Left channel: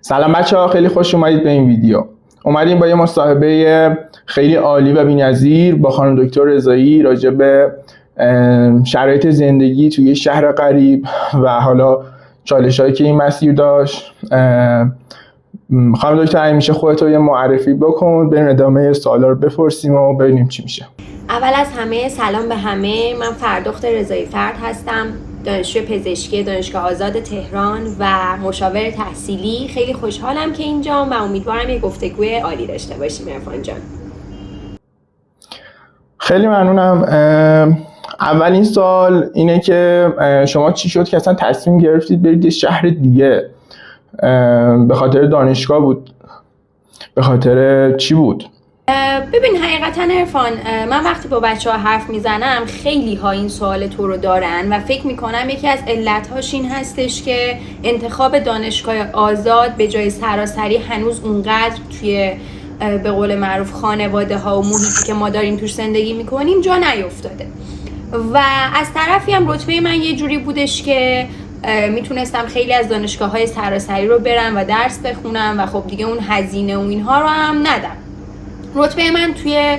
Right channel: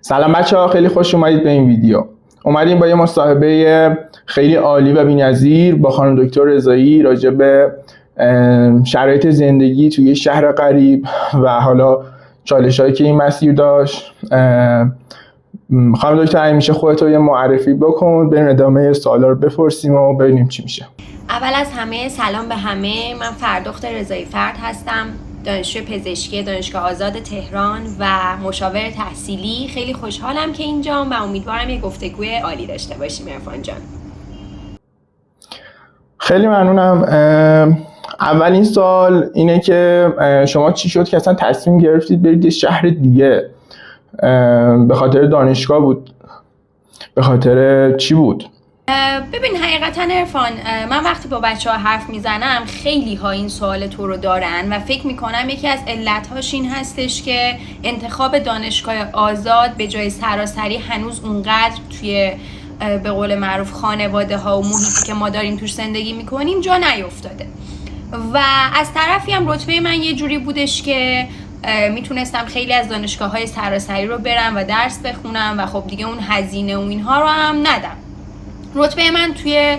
سلام بچه‌ها، خیلی خوش اومدید به این ویدیو. اومدیم با یه مصاحبه خیلی عالی و بی‌نظیر با خانم دکتر رضایی راجع به شرایط زندگی توی شهر غریب و حالا چالش‌هایی که این مسیر داشت. خانم دکتر، میشه خودت رو یه معرفی بکن، بریم ادامه سوالا رو بپرسیم و ببینیم چی میشه. اول از همه سلام به همه. من فردخت رضایی فرد هستم، دانشجوی پزشکی دانشگاه آزاد تهران و مشاور تحصیلی. خیلی خوشحالم که اینجام و امیدوارم یه گفتگوی عالی داشته باشیم عرفان جان. خیلی ممنونم. اولین سوال اینه که شما چی شد که اصلا تصمیم گرفتید برید یه شهر دیگه؟ به خاطر دانشگاه بود؟ به خاطر چی بود؟ ببین حقیقتا عرفان، من وقتی با بچه ها حرف میزنم خیلی ها این سوال تو رو دارن و فکر میکنم یکی از علتهاش این هستش که انتخاب دانشگاه آزاد به جای سراسری هنوز اونقدر توی به قول معروف خانواده ها و محیطی که ما داریم توش زندگی میکنیم جا نیفتاده. و از طرفی هم رتبه من یه جوری بودش که میتونستم خیلی از دانشگاه های سراسری رو برم و درس بخونم و خب دیگه اون هزینه و اینها رو هم ندم. رتبه من توی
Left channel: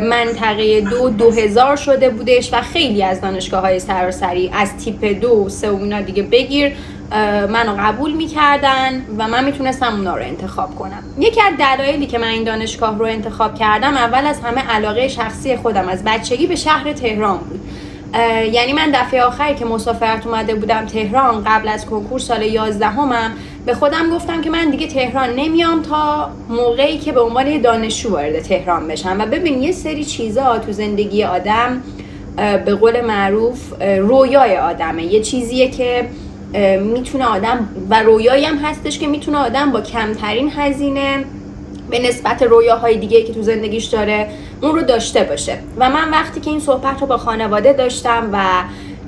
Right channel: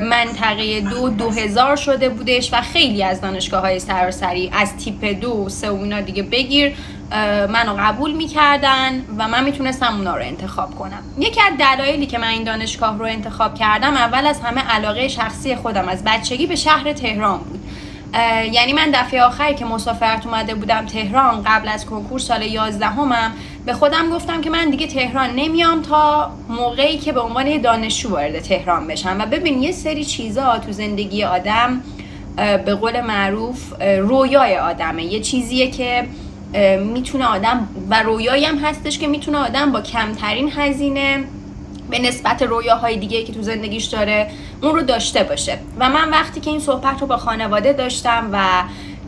منطقه 2000 شده بودش و خیلی از دانشگاه های سراسری از تیپ 2 و 3 و اینا دیگه بگیر منو قبول میکردن و من میتونستم اونا رو انتخاب کنم. یکی از دلایلی که من این دانشگاه رو انتخاب کردم اول از همه علاقه شخصی خودم از بچگی به شهر تهران بود. یعنی من دفعه آخری که مسافرت اومده بودم تهران قبل از کنکور سال 11ام به خودم گفتم که من دیگه تهران نمیام تا موقعی که به عنوان دانشجو وارد تهران بشم. و ببین یه سری چیزا تو زندگی آدم به قول معروف رویای آدمه، یه چیزیه که میتونه آدم و رویایی هم هستش که میتونه آدم با کمترین هزینه به نسبت رویاهای دیگه که تو زندگیش داره اون رو داشته باشه. و من وقتی که این صحبت رو با خانواده داشتم و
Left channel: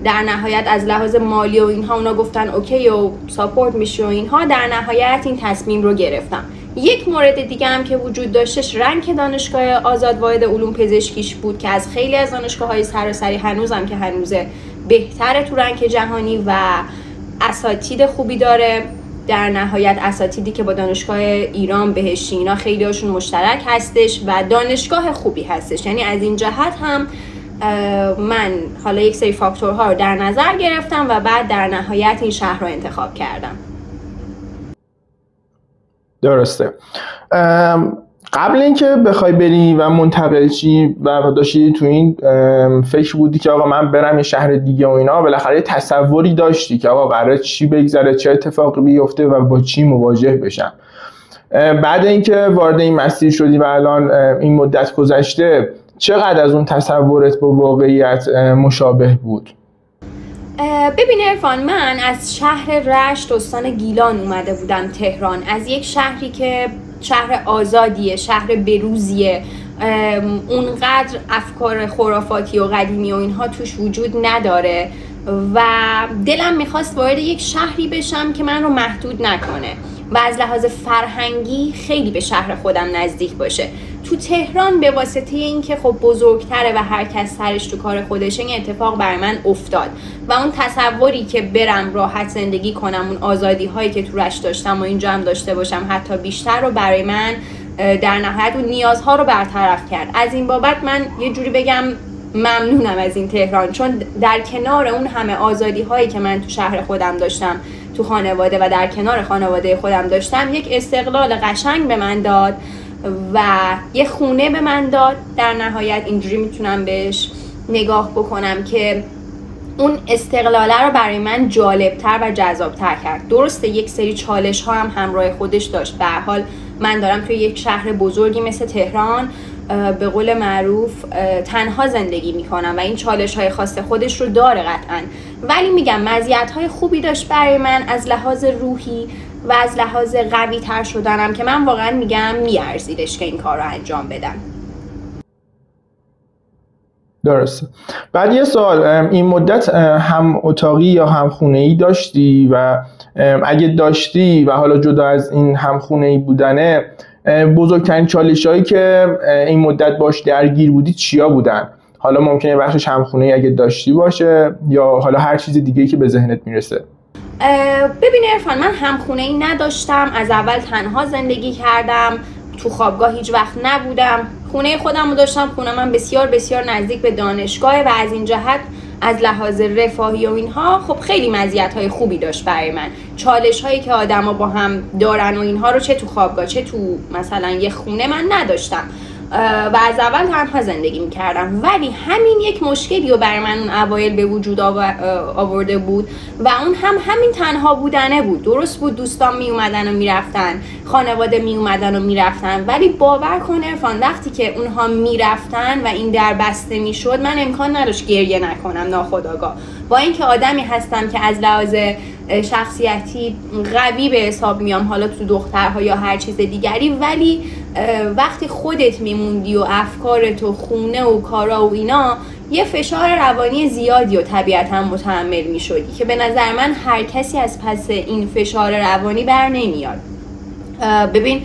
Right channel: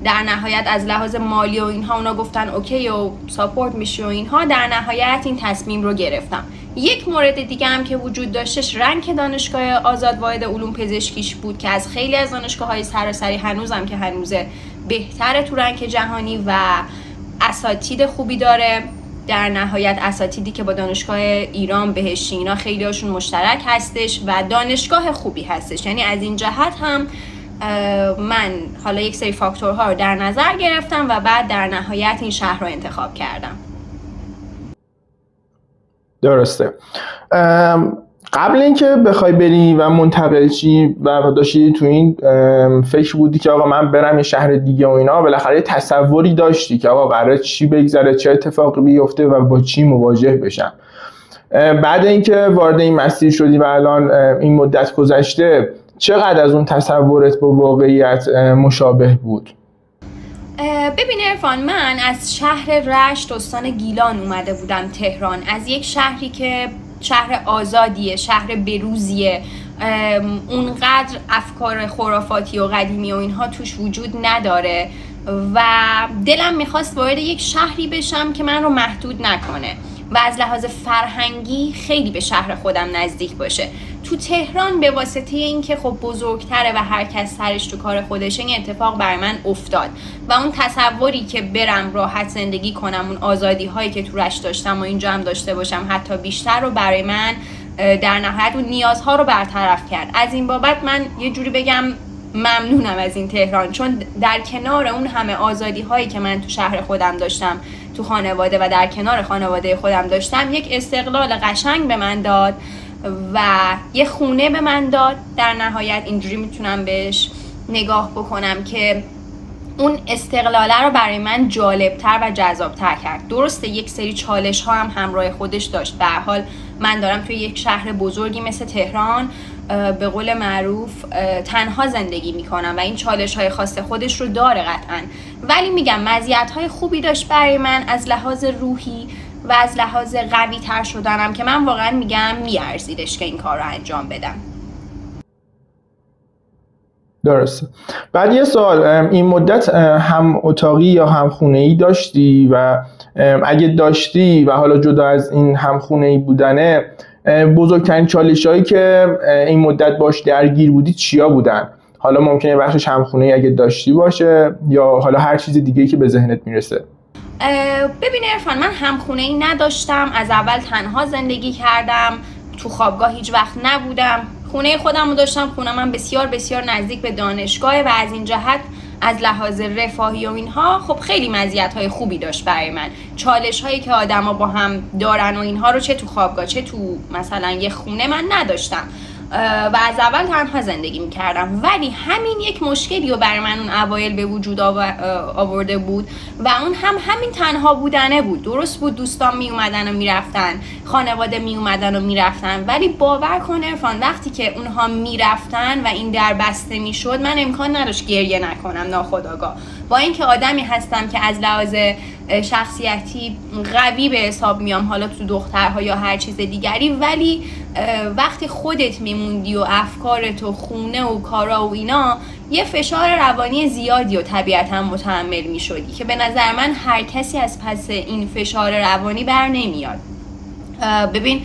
در نهایت از لحاظ مالی و اینها اونا گفتن اوکی و ساپورت میشه و اینها، در نهایت این تصمیم رو گرفتم. یک مورد دیگه هم که وجود داشتش رنک دانشگاه آزاد واحد علوم پزشکیش بود که از خیلی از دانشگاه‌های سراسری هنوزم که هنوزه بهتره تو رنک جهانی و اساتید خوبی داره. در نهایت اساتیدی که با دانشگاه ایران بهشتی اینا خیلی هاشون مشترک هستش و دانشگاه خوبی هستش. یعنی از این جهت هم من حالا یک سری فاکتورها رو در نظر گرفتم و بعد در نهایت این شهر رو انتخاب کردم. درسته. قبل اینکه بخوای بری و منتقل شی و داشتی تو این فکر بودی که آقا من برم یه شهر دیگه و اینا، بالاخره یه تصوری داشتی که آقا قراره چی بگذره، چه اتفاقی بیفته و با چی مواجه بشم. بعد اینکه وارد این مسیر شدی و الان این مدت گذشته، چقدر از اون تصورت با واقعیت مشابه بود؟ ببین عرفان، من از شهر رشت استان گیلان اومده بودم تهران، از یک شهری که شهر آزادیه، شهر بروزیه، اونقدر افکار خرافاتی و قدیمی و اینها توش وجود نداره و دلم میخواست وارد یک شهری بشم که من رو محدود نکنه و از لحاظ فرهنگی خیلی به شهر خودم نزدیک باشه. تو تهران به واسطه اینکه خب بزرگتره و هر کس سرش تو کار خودشه، این اتفاق برای من افتاد و اون تصوری که برم راحت زندگی کنم، اون آزادی هایی که تو رشت داشتم و اینجا هم داشته باشم حتی بیشتر، رو برای من در نهایت اون نیازها رو برطرف کرد. از این بابت من یه جوری بگم ممنونم از این تهران، چون در کنار اون همه آزادی هایی که من تو شهر خودم داشتم، تو خانواده و در کنار خانواده خودم داشتم، یک استقلال قشنگ به من داد و یه خونه به من داد. در نهایت اینجوری میتونم بهش نگاه بکنم که اون استقلاله رو برای من جالبتر و جذابتر کرد. درسته یک سری چالش ها هم همراه خودش داشت. به هر حال من دارم توی یک شهر بزرگی مثل تهران به قول معروف تنها زندگی میکنم و این چالش های خاص خودش رو داره قطعا، ولی میگم مزیت های خوبی داشت برای من از لحاظ روحی و از لحاظ قوی تر شدنم که من واقعا میگم میارزیدش که این کار رو انجام بدم. درسته. بعد یه سوال، این مدت هم اتاقی یا هم خونه‌ای داشتی و اگه داشتی و حالا جدا از این هم خونه‌ای بودنه، بزرگترین چالش‌هایی که این مدت باش درگیر بودی چیا بودن؟ حالا ممکنه بخشش هم خونه‌ای اگه داشتی باشه یا حالا هر چیز دیگه‌ای که به ذهنت میرسه. ببین عرفان، من همخونه ای نداشتم، از اول تنها زندگی کردم، تو خوابگاه هیچ وقت نبودم، خونه خودم رو داشتم. خونه من بسیار بسیار نزدیک به دانشگاه و از این جهت از لحاظ رفاهی و اینها خب خیلی مزیت‌های خوبی داشت برای من. چالش‌هایی که آدما با هم دارن و اینها رو چه تو خوابگاه چه تو مثلا یه خونه من نداشتم و از اول تنها زندگی میکردم. ولی همین یک مشکلی رو برای من اون اوایل به وجود آورده بود و اون همین تنها بودنه بود. درست بود دوستان می اومدن و میرفتن، خانواده می اومدن و میرفتن، ولی باور کن عرفان وقتی که اونها میرفتن و این در بسته میشد، من امکان نداشت گریه نکنم ناخودآگاه. با اینکه آدمی هستم که از لحاظ شخصیتی قوی به حساب میام، حالا تو دخترها یا هر چیز دیگری، ولی وقتی خودت میموندی و افکارت و خونه و کارا و اینا، یه فشار روانی زیادی و طبیعتا متحمل میشدی که به نظر من هر کسی از پس این فشار روانی بر نمیاد. ببین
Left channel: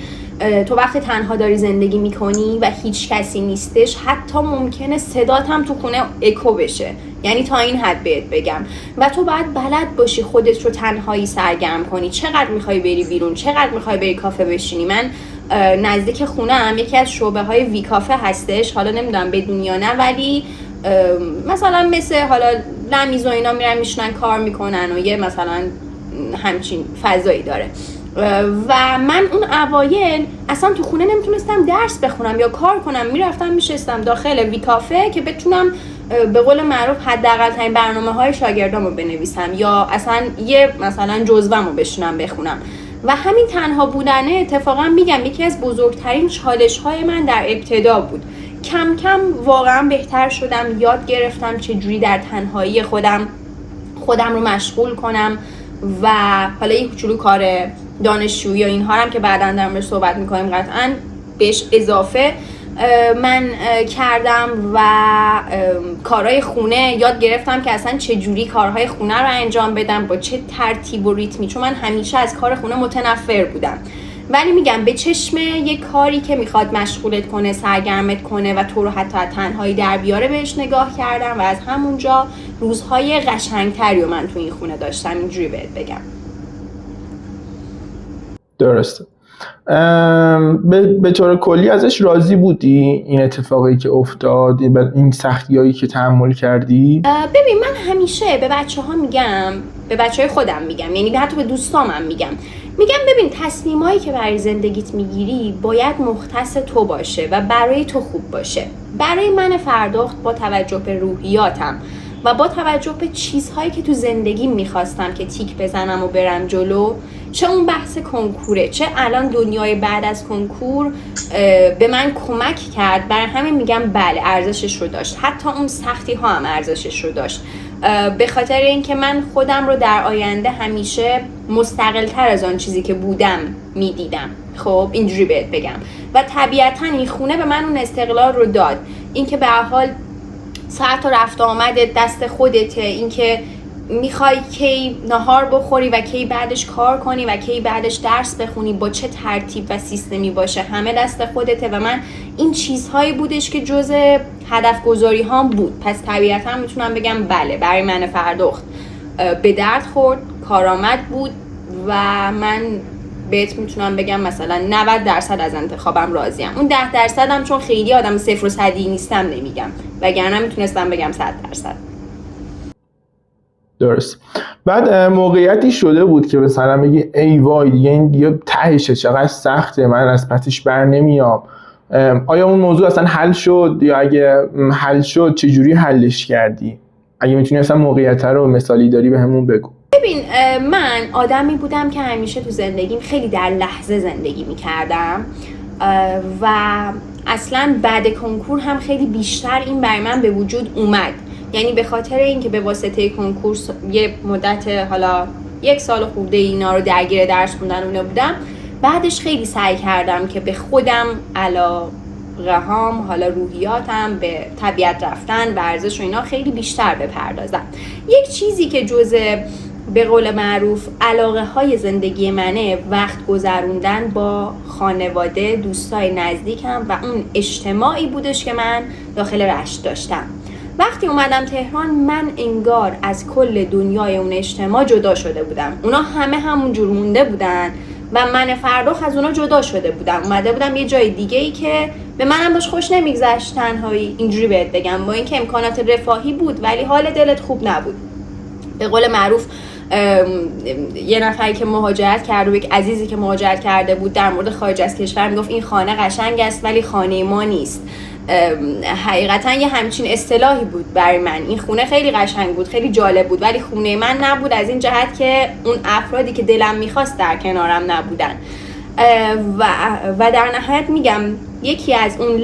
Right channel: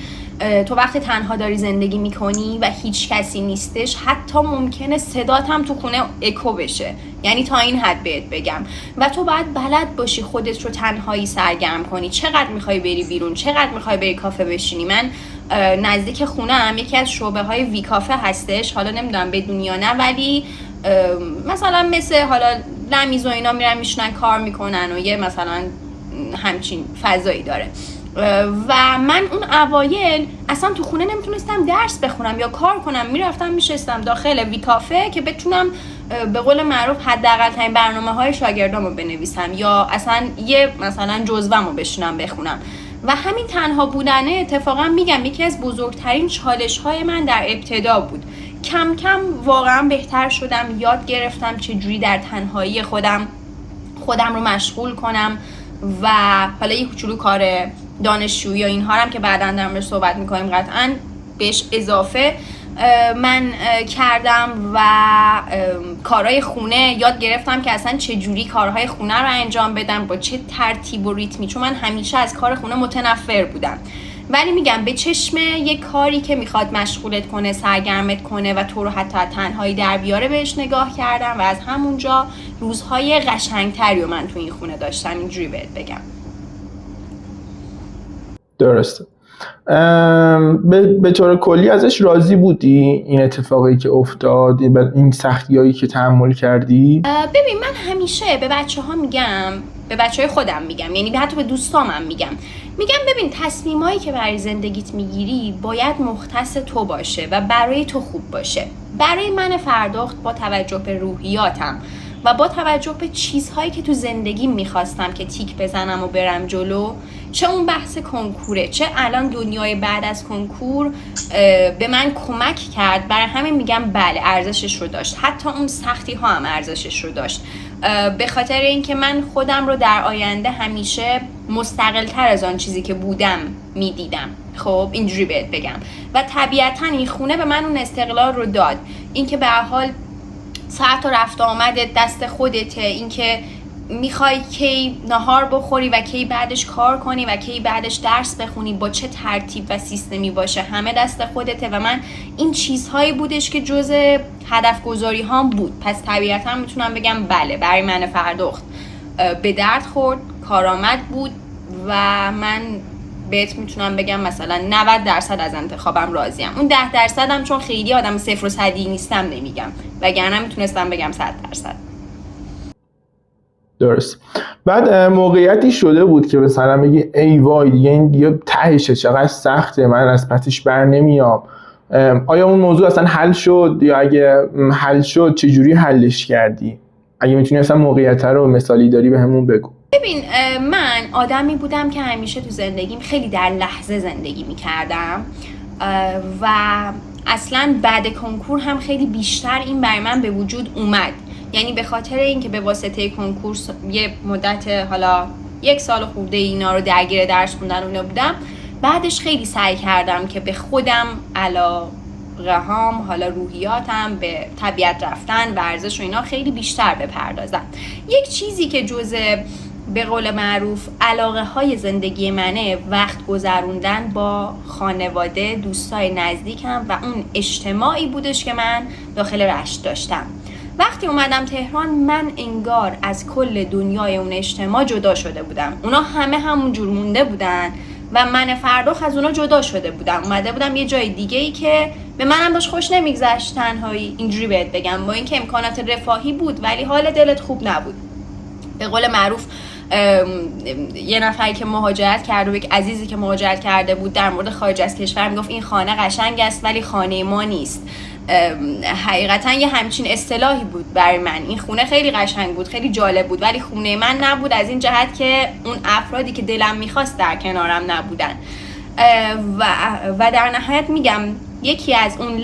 تو وقتی تنها داری زندگی میکنی و هیچ کسی نیستش، حتی ممکنه صدات هم تو خونه اکو بشه، یعنی تا این حد بهت بگم. و تو باید بلد باشی خودت رو تنهایی سرگرم کنی. چقدر میخوای بری بیرون، چقدر میخوای بری کافه بشینی. من نزدیک خونه هم یکی از شعبه های وی کافه هستش، حالا نمیدونم بدونی یا نه، ولی مثلا مثل حالا لمیز و اینا میرن میشنن کار میکنن و یه مثلا همچین فضایی داره. و من اون اوایل اصلا تو خونه نمیتونستم درس بخونم یا کار کنم، میرفتم میشستم داخل وی کافه که بتونم به قول معروف حداقل ترین برنامه‌های شاگردامو بنویسم یا اصلا یه مثلا جزوه‌مو بشینم بخونم. و همین تنها بودنه اتفاقا میگم یکی از بزرگترین چالش‌های من در ابتدا بود. کم کم واقعا بهتر شدم، یاد گرفتم چجوری در تنهایی خودم رو مشغول کنم و حالا یه کوچولو کار دانشجویی یا اینها هم که بعداً در موردش صحبت می‌کنیم قطعاً بهش اضافه من کردم و کارهای خونه یاد گرفتم که اصلا چه جوری کارهای خونه رو انجام بدم، با چه ترتیب و ریتمی، چون من همیشه از کار خونه متنفر بودم. ولی میگم به چشم یک کاری که میخواد مشغولت کنه، سرگرمت کنه و تو رو حتی تنهایی در بیاره بهش نگاه کردم و از همونجا روزهای قشنگتری رو من تو این خونه داشتم، اینجوری بهت بگم. درسته. به طور کلی ازش راضی بودی این اتفاقی که افتاد، این سختیایی که تحمل کردی؟ ببین من همیشه به بچه‌ها میگم، به بچه‌های خودم میگم، یعنی حتی به دوستامم میگم ببین تصمیمایی که برای زندگیت میگیری باید مختص تو باشه و برای تو خوب باشه. برای من فرداخت با توجه به روحیاتم و با توجه به چیزهایی که تو زندگی میخواستم که تیک بزنم و برم جلو، چه اون بحث کنکوره، چه الان دنیای بعد از کنکور به من کمک کرد، برای همین میگم بله ارزشش رو داشت، حتی اون سختی ها هم ارزشش رو داشت، به خاطر اینکه من خودم رو در آینده همیشه مستقل تر از آن چیزی که بودم میدیدم. خب اینجوری بهت بگم و طبیعتا این خونه به من اون استقلال رو داد، اینکه به هر حال ساعت و رفت آمدت دست خودته، اینکه میخوای کی نهار بخوری و کی بعدش کار کنی و کی بعدش درس بخونی، با چه ترتیب و سیستمی باشه، همه دست خودته و من این چیزهایی بودش که جزء هدف گذاری هام بود. پس طبیعتا میتونم بگم بله برای من فرداخت به درد خورد، کارآمد بود و من بهت میتونم بگم مثلا 90% از انتخابم راضیم. اون 10% هم چون خیلی آدم 0 و 100 نیستم نمیگم، وگرنه میتونستم بگم 100%. درست. بعد موقعیتی شده بود که مثلا بگی ای وای دیگه این دیگه تهشه، چقدر سخته، من از پسش بر نمیام. آیا اون موضوع اصلا حل شد یا اگه حل شد چجوری حلش کردی؟ اگه میتونی اصلا موقعیت رو مثالی داری به همون بگو. ببین من آدمی بودم که همیشه تو زندگیم خیلی در لحظه زندگی میکردم و اصلا بعد کنکور هم خیلی بیشتر این برای من به وجود اومد، یعنی به خاطر اینکه به واسطه کنکور یه مدت حالا 1 سال خورده اینا رو درگیر درس خوندن اون بودم، بعدش خیلی سعی کردم که به خودم علاقه‌هام، حالا روحیاتم، به طبیعت رفتن، ورزش و اینا خیلی بیشتر بپردازم. یک چیزی که جزء به قول معروف علاقه های زندگی منه وقت گذروندن با خانواده، دوستای نزدیکم و اون اجتماعی بودش که من داخل رشت داشتم. وقتی اومدم تهران من انگار از کل دنیای اون اجتماع جدا شده بودم. اونا همه همون جور مونده بودن و من فرخ از اونا جدا شده بودم. اومده بودم یه جای دیگه ای که به منم داشت خوش نمیگذشت تنهایی. اینجوری بهت بگم، با اینکه امکانات رفاهی بود ولی حال دلت خوب نبود. به قول معروف یه نفری که مهاجرت کرده و یک عزیزی که مهاجرت کرده بود در مورد خارج از کشور میگفت این خانه قشنگ است ولی خانه ما نیست. حقیقتا یه همچین اصطلاحی بود برای من. این خونه خیلی قشنگ بود، خیلی جالب بود، ولی خونه من نبود، از این جهت که اون افرادی که دلم میخواست در کنارم نبودن. و در نهایت میگم یکی از اون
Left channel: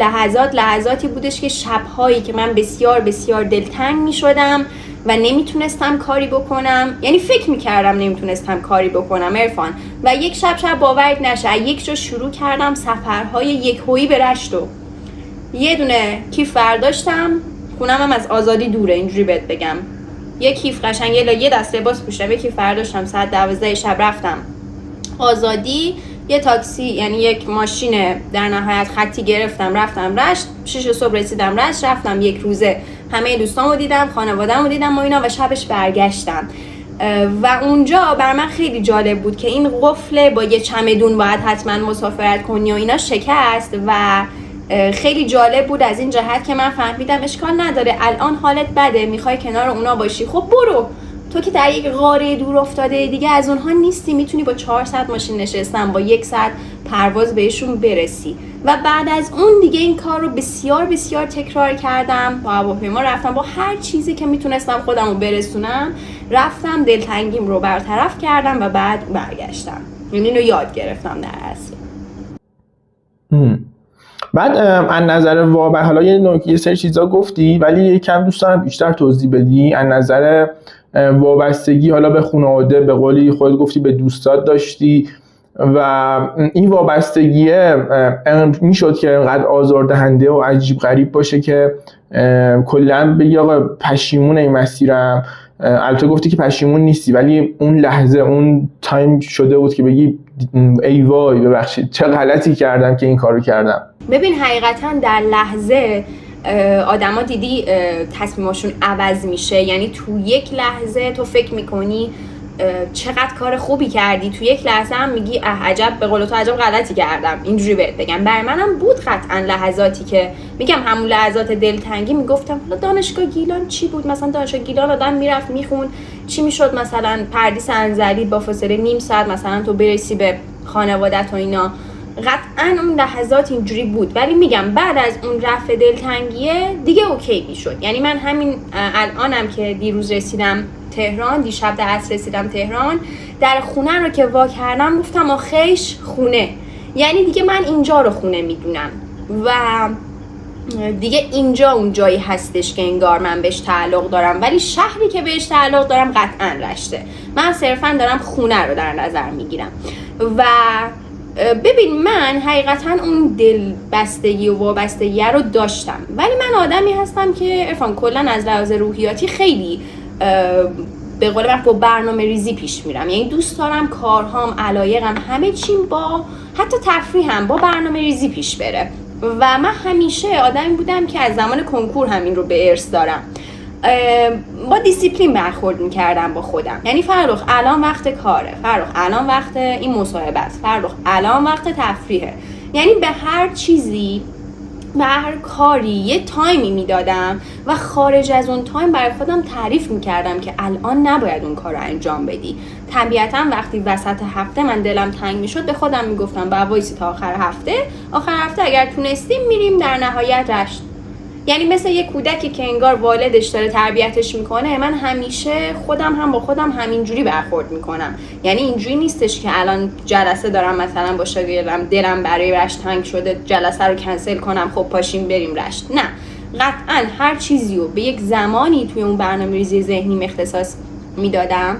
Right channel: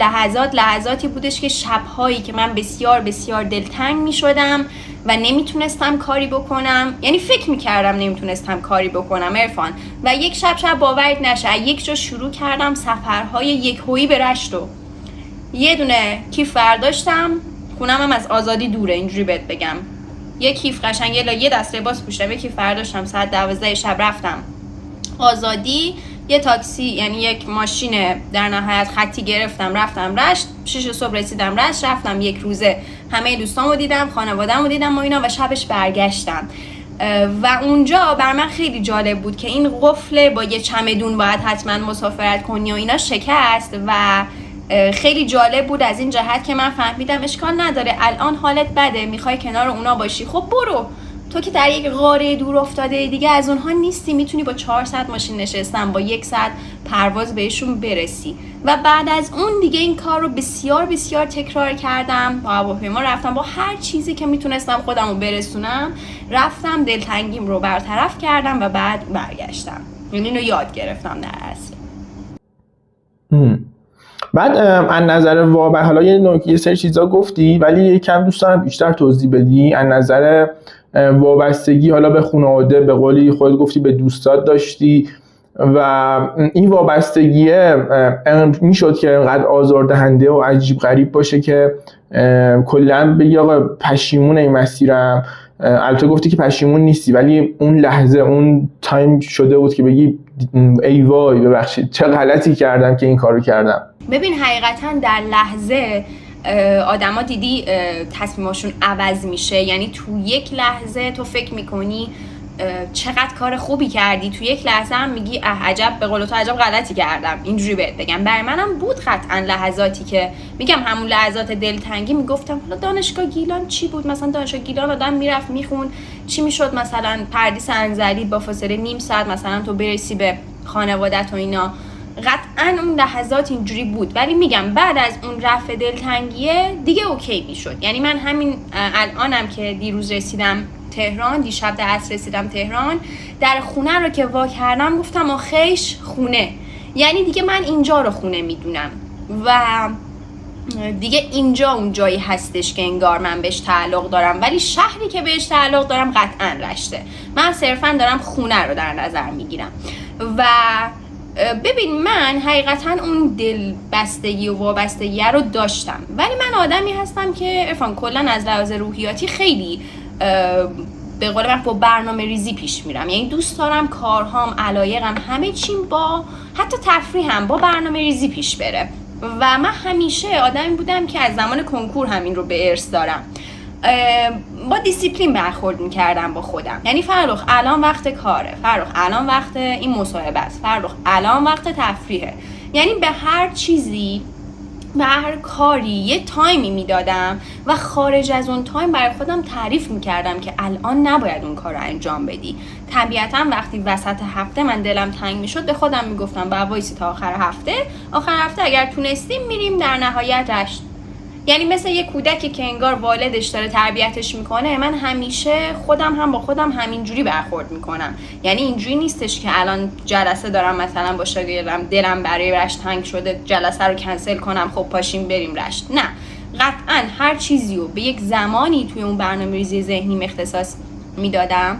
لحظاتی بودش که شبهایی که من بسیار بسیار دلتنگ میشدم و نمیتونستم کاری بکنم، یعنی فکر میکردم نمیتونستم کاری بکنم عرفان. و یک شب باورت نشه یک جا شروع کردم سفرهای یکهویی به رشت و یه دونه کیف برداشتم، خونم هم از آزادی دوره، اینجوری بهت بگم، یه کیف قشنگ یه دست لباس پوشیدم، یه کیف برداشتم، ساعت 12 شب رفتم آزادی، یه تاکسی یعنی یک ماشین در نهایت خطی گرفتم رفتم رشت. 6 صبح رسیدم رشت، رفتم یک روزه همه دوستامو دیدم، خانواده‌مو دیدم و اینا و شبش برگشتم. و اونجا بر من خیلی جالب بود که این قفل با یه چمدون باید حتما مسافرت کنی و اینا شکست و خیلی جالب بود از این جهت که من فهمیدم اشکال نداره الان حالت بده میخوای کنار اونا باشی، خب برو، تو که در یک قاره دور افتاده دیگه از اونها نیستی، میتونی با 4 ساعت ماشین نشستن با 1 ساعت پرواز بهشون برسی. و بعد از اون دیگه این کار رو بسیار بسیار تکرار کردم، با هواپیما رفتم، با هر چیزی که میتونستم خودم رو برسونم رفتم، دلتنگیم رو برطرف کردم و بعد برگشتم. یعنی اینو یاد گرفتم در اصل. بعد از نظر واقع حالا یه سری چیزا گفتی ولی یکم دوست دارم بیشتر توضیح بدی. از نظر وابستگی حالا به خانواده، به قولی خودت گفتی به دوستات داشتی و این وابستگیه میشد که انقدر آزاردهنده و عجیب غریب باشه که کلا بگی آقا پشیمون این مسیرم. البته گفتی که پشیمون نیستی ولی اون لحظه اون تایم شده بود که بگی ای وای ببخشید چه غلطی کردم که این کارو کردم. ببین حقیقتا در لحظه آدما دیدی تصمیماشون عوض میشه، یعنی تو یک لحظه تو فکر میکنی چقدر کار خوبی کردی، تو یک لحظه هم میگی عجب، به قول تو عجب غلطی کردم. اینجوری بهت بگم برای منم بود قطعا لحظاتی که میگم همون لحظات دلتنگی میگفتم حالا دانشگاه گیلان چی بود، مثلا دانشگاه گیلان آدم میرفت میخون چی میشد، مثلا پردیس انزلی با فاصله نیم ساعت مثلا تو برسی به خانوادت و اینا. قطعا اون لحظات اینجوری بود ولی میگم بعد از اون رفع دلتنگیه دیگه اوکی میشد. یعنی من همین الانم که دیروز رسیدم تهران، دیشب در عصر رسیدم تهران، در خونه رو که وا کردم گفتم آخیش خونه، یعنی دیگه من اینجا رو خونه میدونم و دیگه اینجا اون جایی هستش که انگار من بهش تعلق دارم، ولی شهری که بهش تعلق دارم قطعا رشته. من صرفا دارم خونه رو در نظر میگیرم و ببین من حقیقتا اون دل بستگی و وابستگی رو داشتم ولی من آدمی هستم که عرفان کلا از لحاظ روحیاتی خیلی به قول من با برنامه ریزی پیش میرم. یعنی دوست دارم کارهام، علایقم، همه چیم با حتی تفریحم با برنامه ریزی پیش بره و من همیشه آدمی بودم که از زمان کنکور همین رو به ارث دارم، با دیسیپلین برخورد میکردم با خودم. یعنی فرخ الان وقت کاره، فرخ الان وقت این مصاحبه است، فرخ الان وقت تفریحه. یعنی به هر چیزی، به هر کاری یه تایمی میدادم و خارج از اون تایم برای خودم تعریف میکردم که الان نباید اون کار رو انجام بدی. طبیعتا وقتی وسط هفته من دلم تنگ میشد به خودم میگفتم با وایسی تا آخر هفته اگر تونستیم میریم در نهایت رشت. یعنی مثل یه کودکی که انگار والدش داره تربیتش میکنه، من همیشه خودم هم با خودم همینجوری برخورد میکنم. یعنی اینجوری نیستش که الان جلسه دارم مثلا با شاگردم دلم برای رشت تنگ شده جلسه رو کنسل کنم خب پاشیم بریم رشت. نه، قطعا هر چیزی رو به یک زمانی توی اون برنامه‌ریزی ذهنی اختصاص میدادم،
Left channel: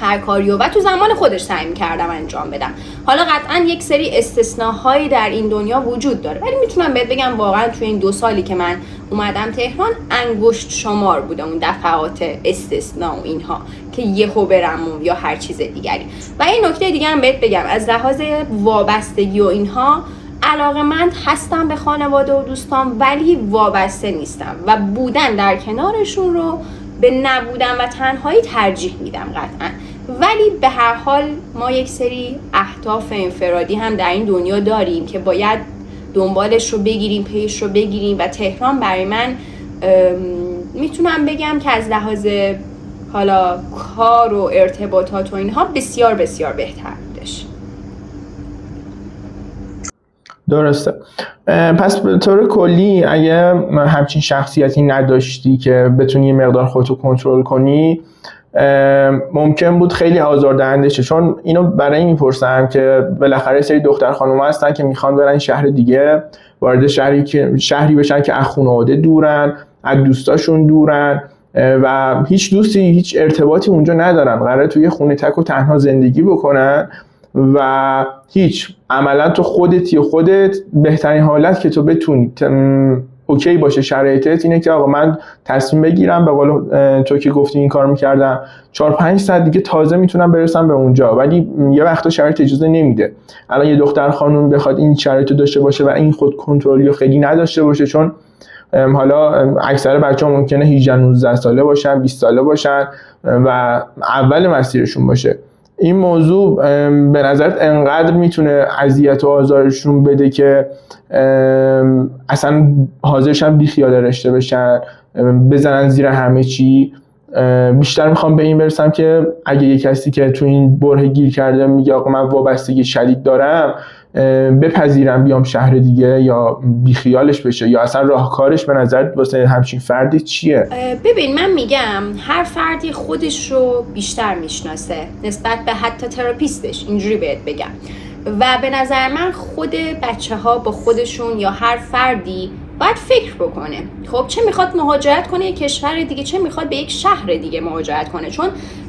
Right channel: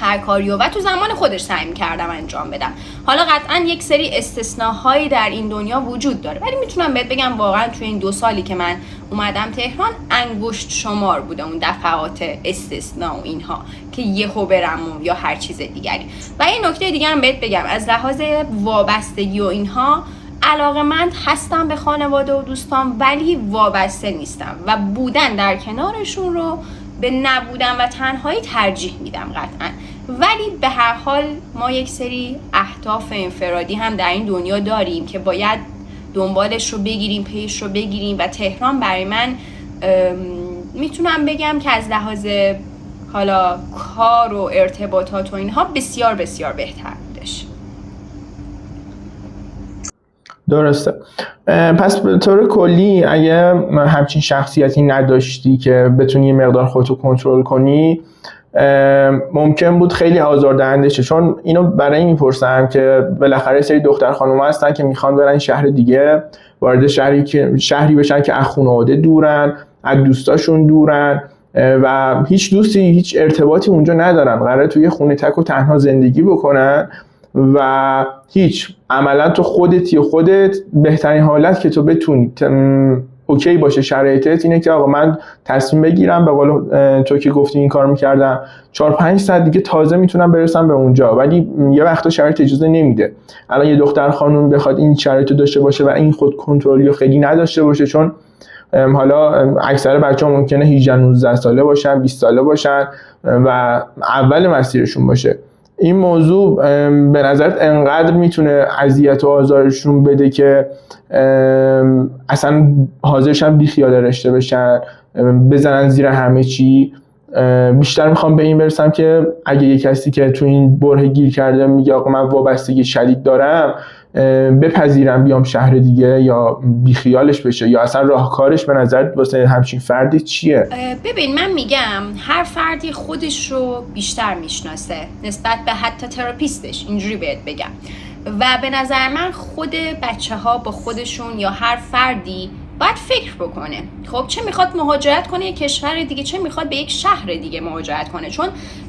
هر کاریو و تو زمان خودش سعی می‌کردم انجام بدم. حالا قطعا یک سری استثناءهایی در این دنیا وجود داره ولی میتونم بهت بگم واقعا توی این 2 سالی که من اومدم تهران انگشت شمار بوده اون دفعات استثناء و اینها که یهو برم یا هر چیز دیگری. و این نکته دیگه هم بهت بگم از لحاظ وابستگی و اینها علاقه‌مند هستم به خانواده و دوستان ولی وابسته نیستم و بودن در کنارشون رو به نبودن و تنهایی ترجیح میدم قطعا. ولی به هر حال ما یک سری اهداف انفرادی هم در این دنیا داریم که باید دنبالش رو بگیریم، پیش رو بگیریم و تهران برای من میتونم بگم که از لحاظ حالا کار و ارتباطات و اینها بسیار بسیار بهتر بودش. درسته. پس به طور کلی اگه همچین شخصیتی نداشتی که بتونی یه مقدار خودتو کنترل کنی، ممکن بود خیلی آزاردهنده شه. چون اینو برای این میپرسم که بالاخره سری دختر خانوما هستن که میخوان برن شهر دیگه، وارد شهری بشن که از خانواده دورن، از دوستاشون دورن و هیچ دوستی، هیچ ارتباطی اونجا ندارن، قراره توی خونه تک و تنها زندگی بکنن و هیچ عملا تو خودت بهترین حالت که تو بتونی اوکی باشه شرایطت اینه که آقا من تصمیم بگیرم، به قول تو که گفتی این کار میکردم 4-5 ساعت دیگه تازه میتونم برسم به اونجا، ولی یه وقتا شرایط اجازه نمیده. الان یه دختر خانم بخواد این شرایطو داشته باشه و این خود کنترلی رو خیلی نداشته باشه، چون حالا اکثر بچه‌ها ممکنه 18-19 ساله باشن، 20 ساله باشن و اول مسیرشون باشه، این موضوع به نظرت انقدر میتونه اذیت و آزارشون بده که اصلا حاضرشن بی خیال رشته بشن، بزنن زیر همه چی؟ بیشتر میخوام به این برسم که اگه یه کسی که تو این بره گیر کرده میگه آقا من وابستگی شدید دارم، بپذیرم بیام شهر دیگه یا بیخیالش بشه، یا اصلا راهکارش به نظر واسه همچین فردی چیه؟ ببین من میگم هر فردی خودش رو بیشتر میشناسه نسبت به حتی تراپیستش، اینجوری بهت بگم. و به نظر من خود بچه ها با خودشون یا هر فردی باید فکر بکنه خب چه میخواد مهاجرت کنه یک کشور دیگه، چه میخواد به یک شهر دیگه مهاجرت کنه. چون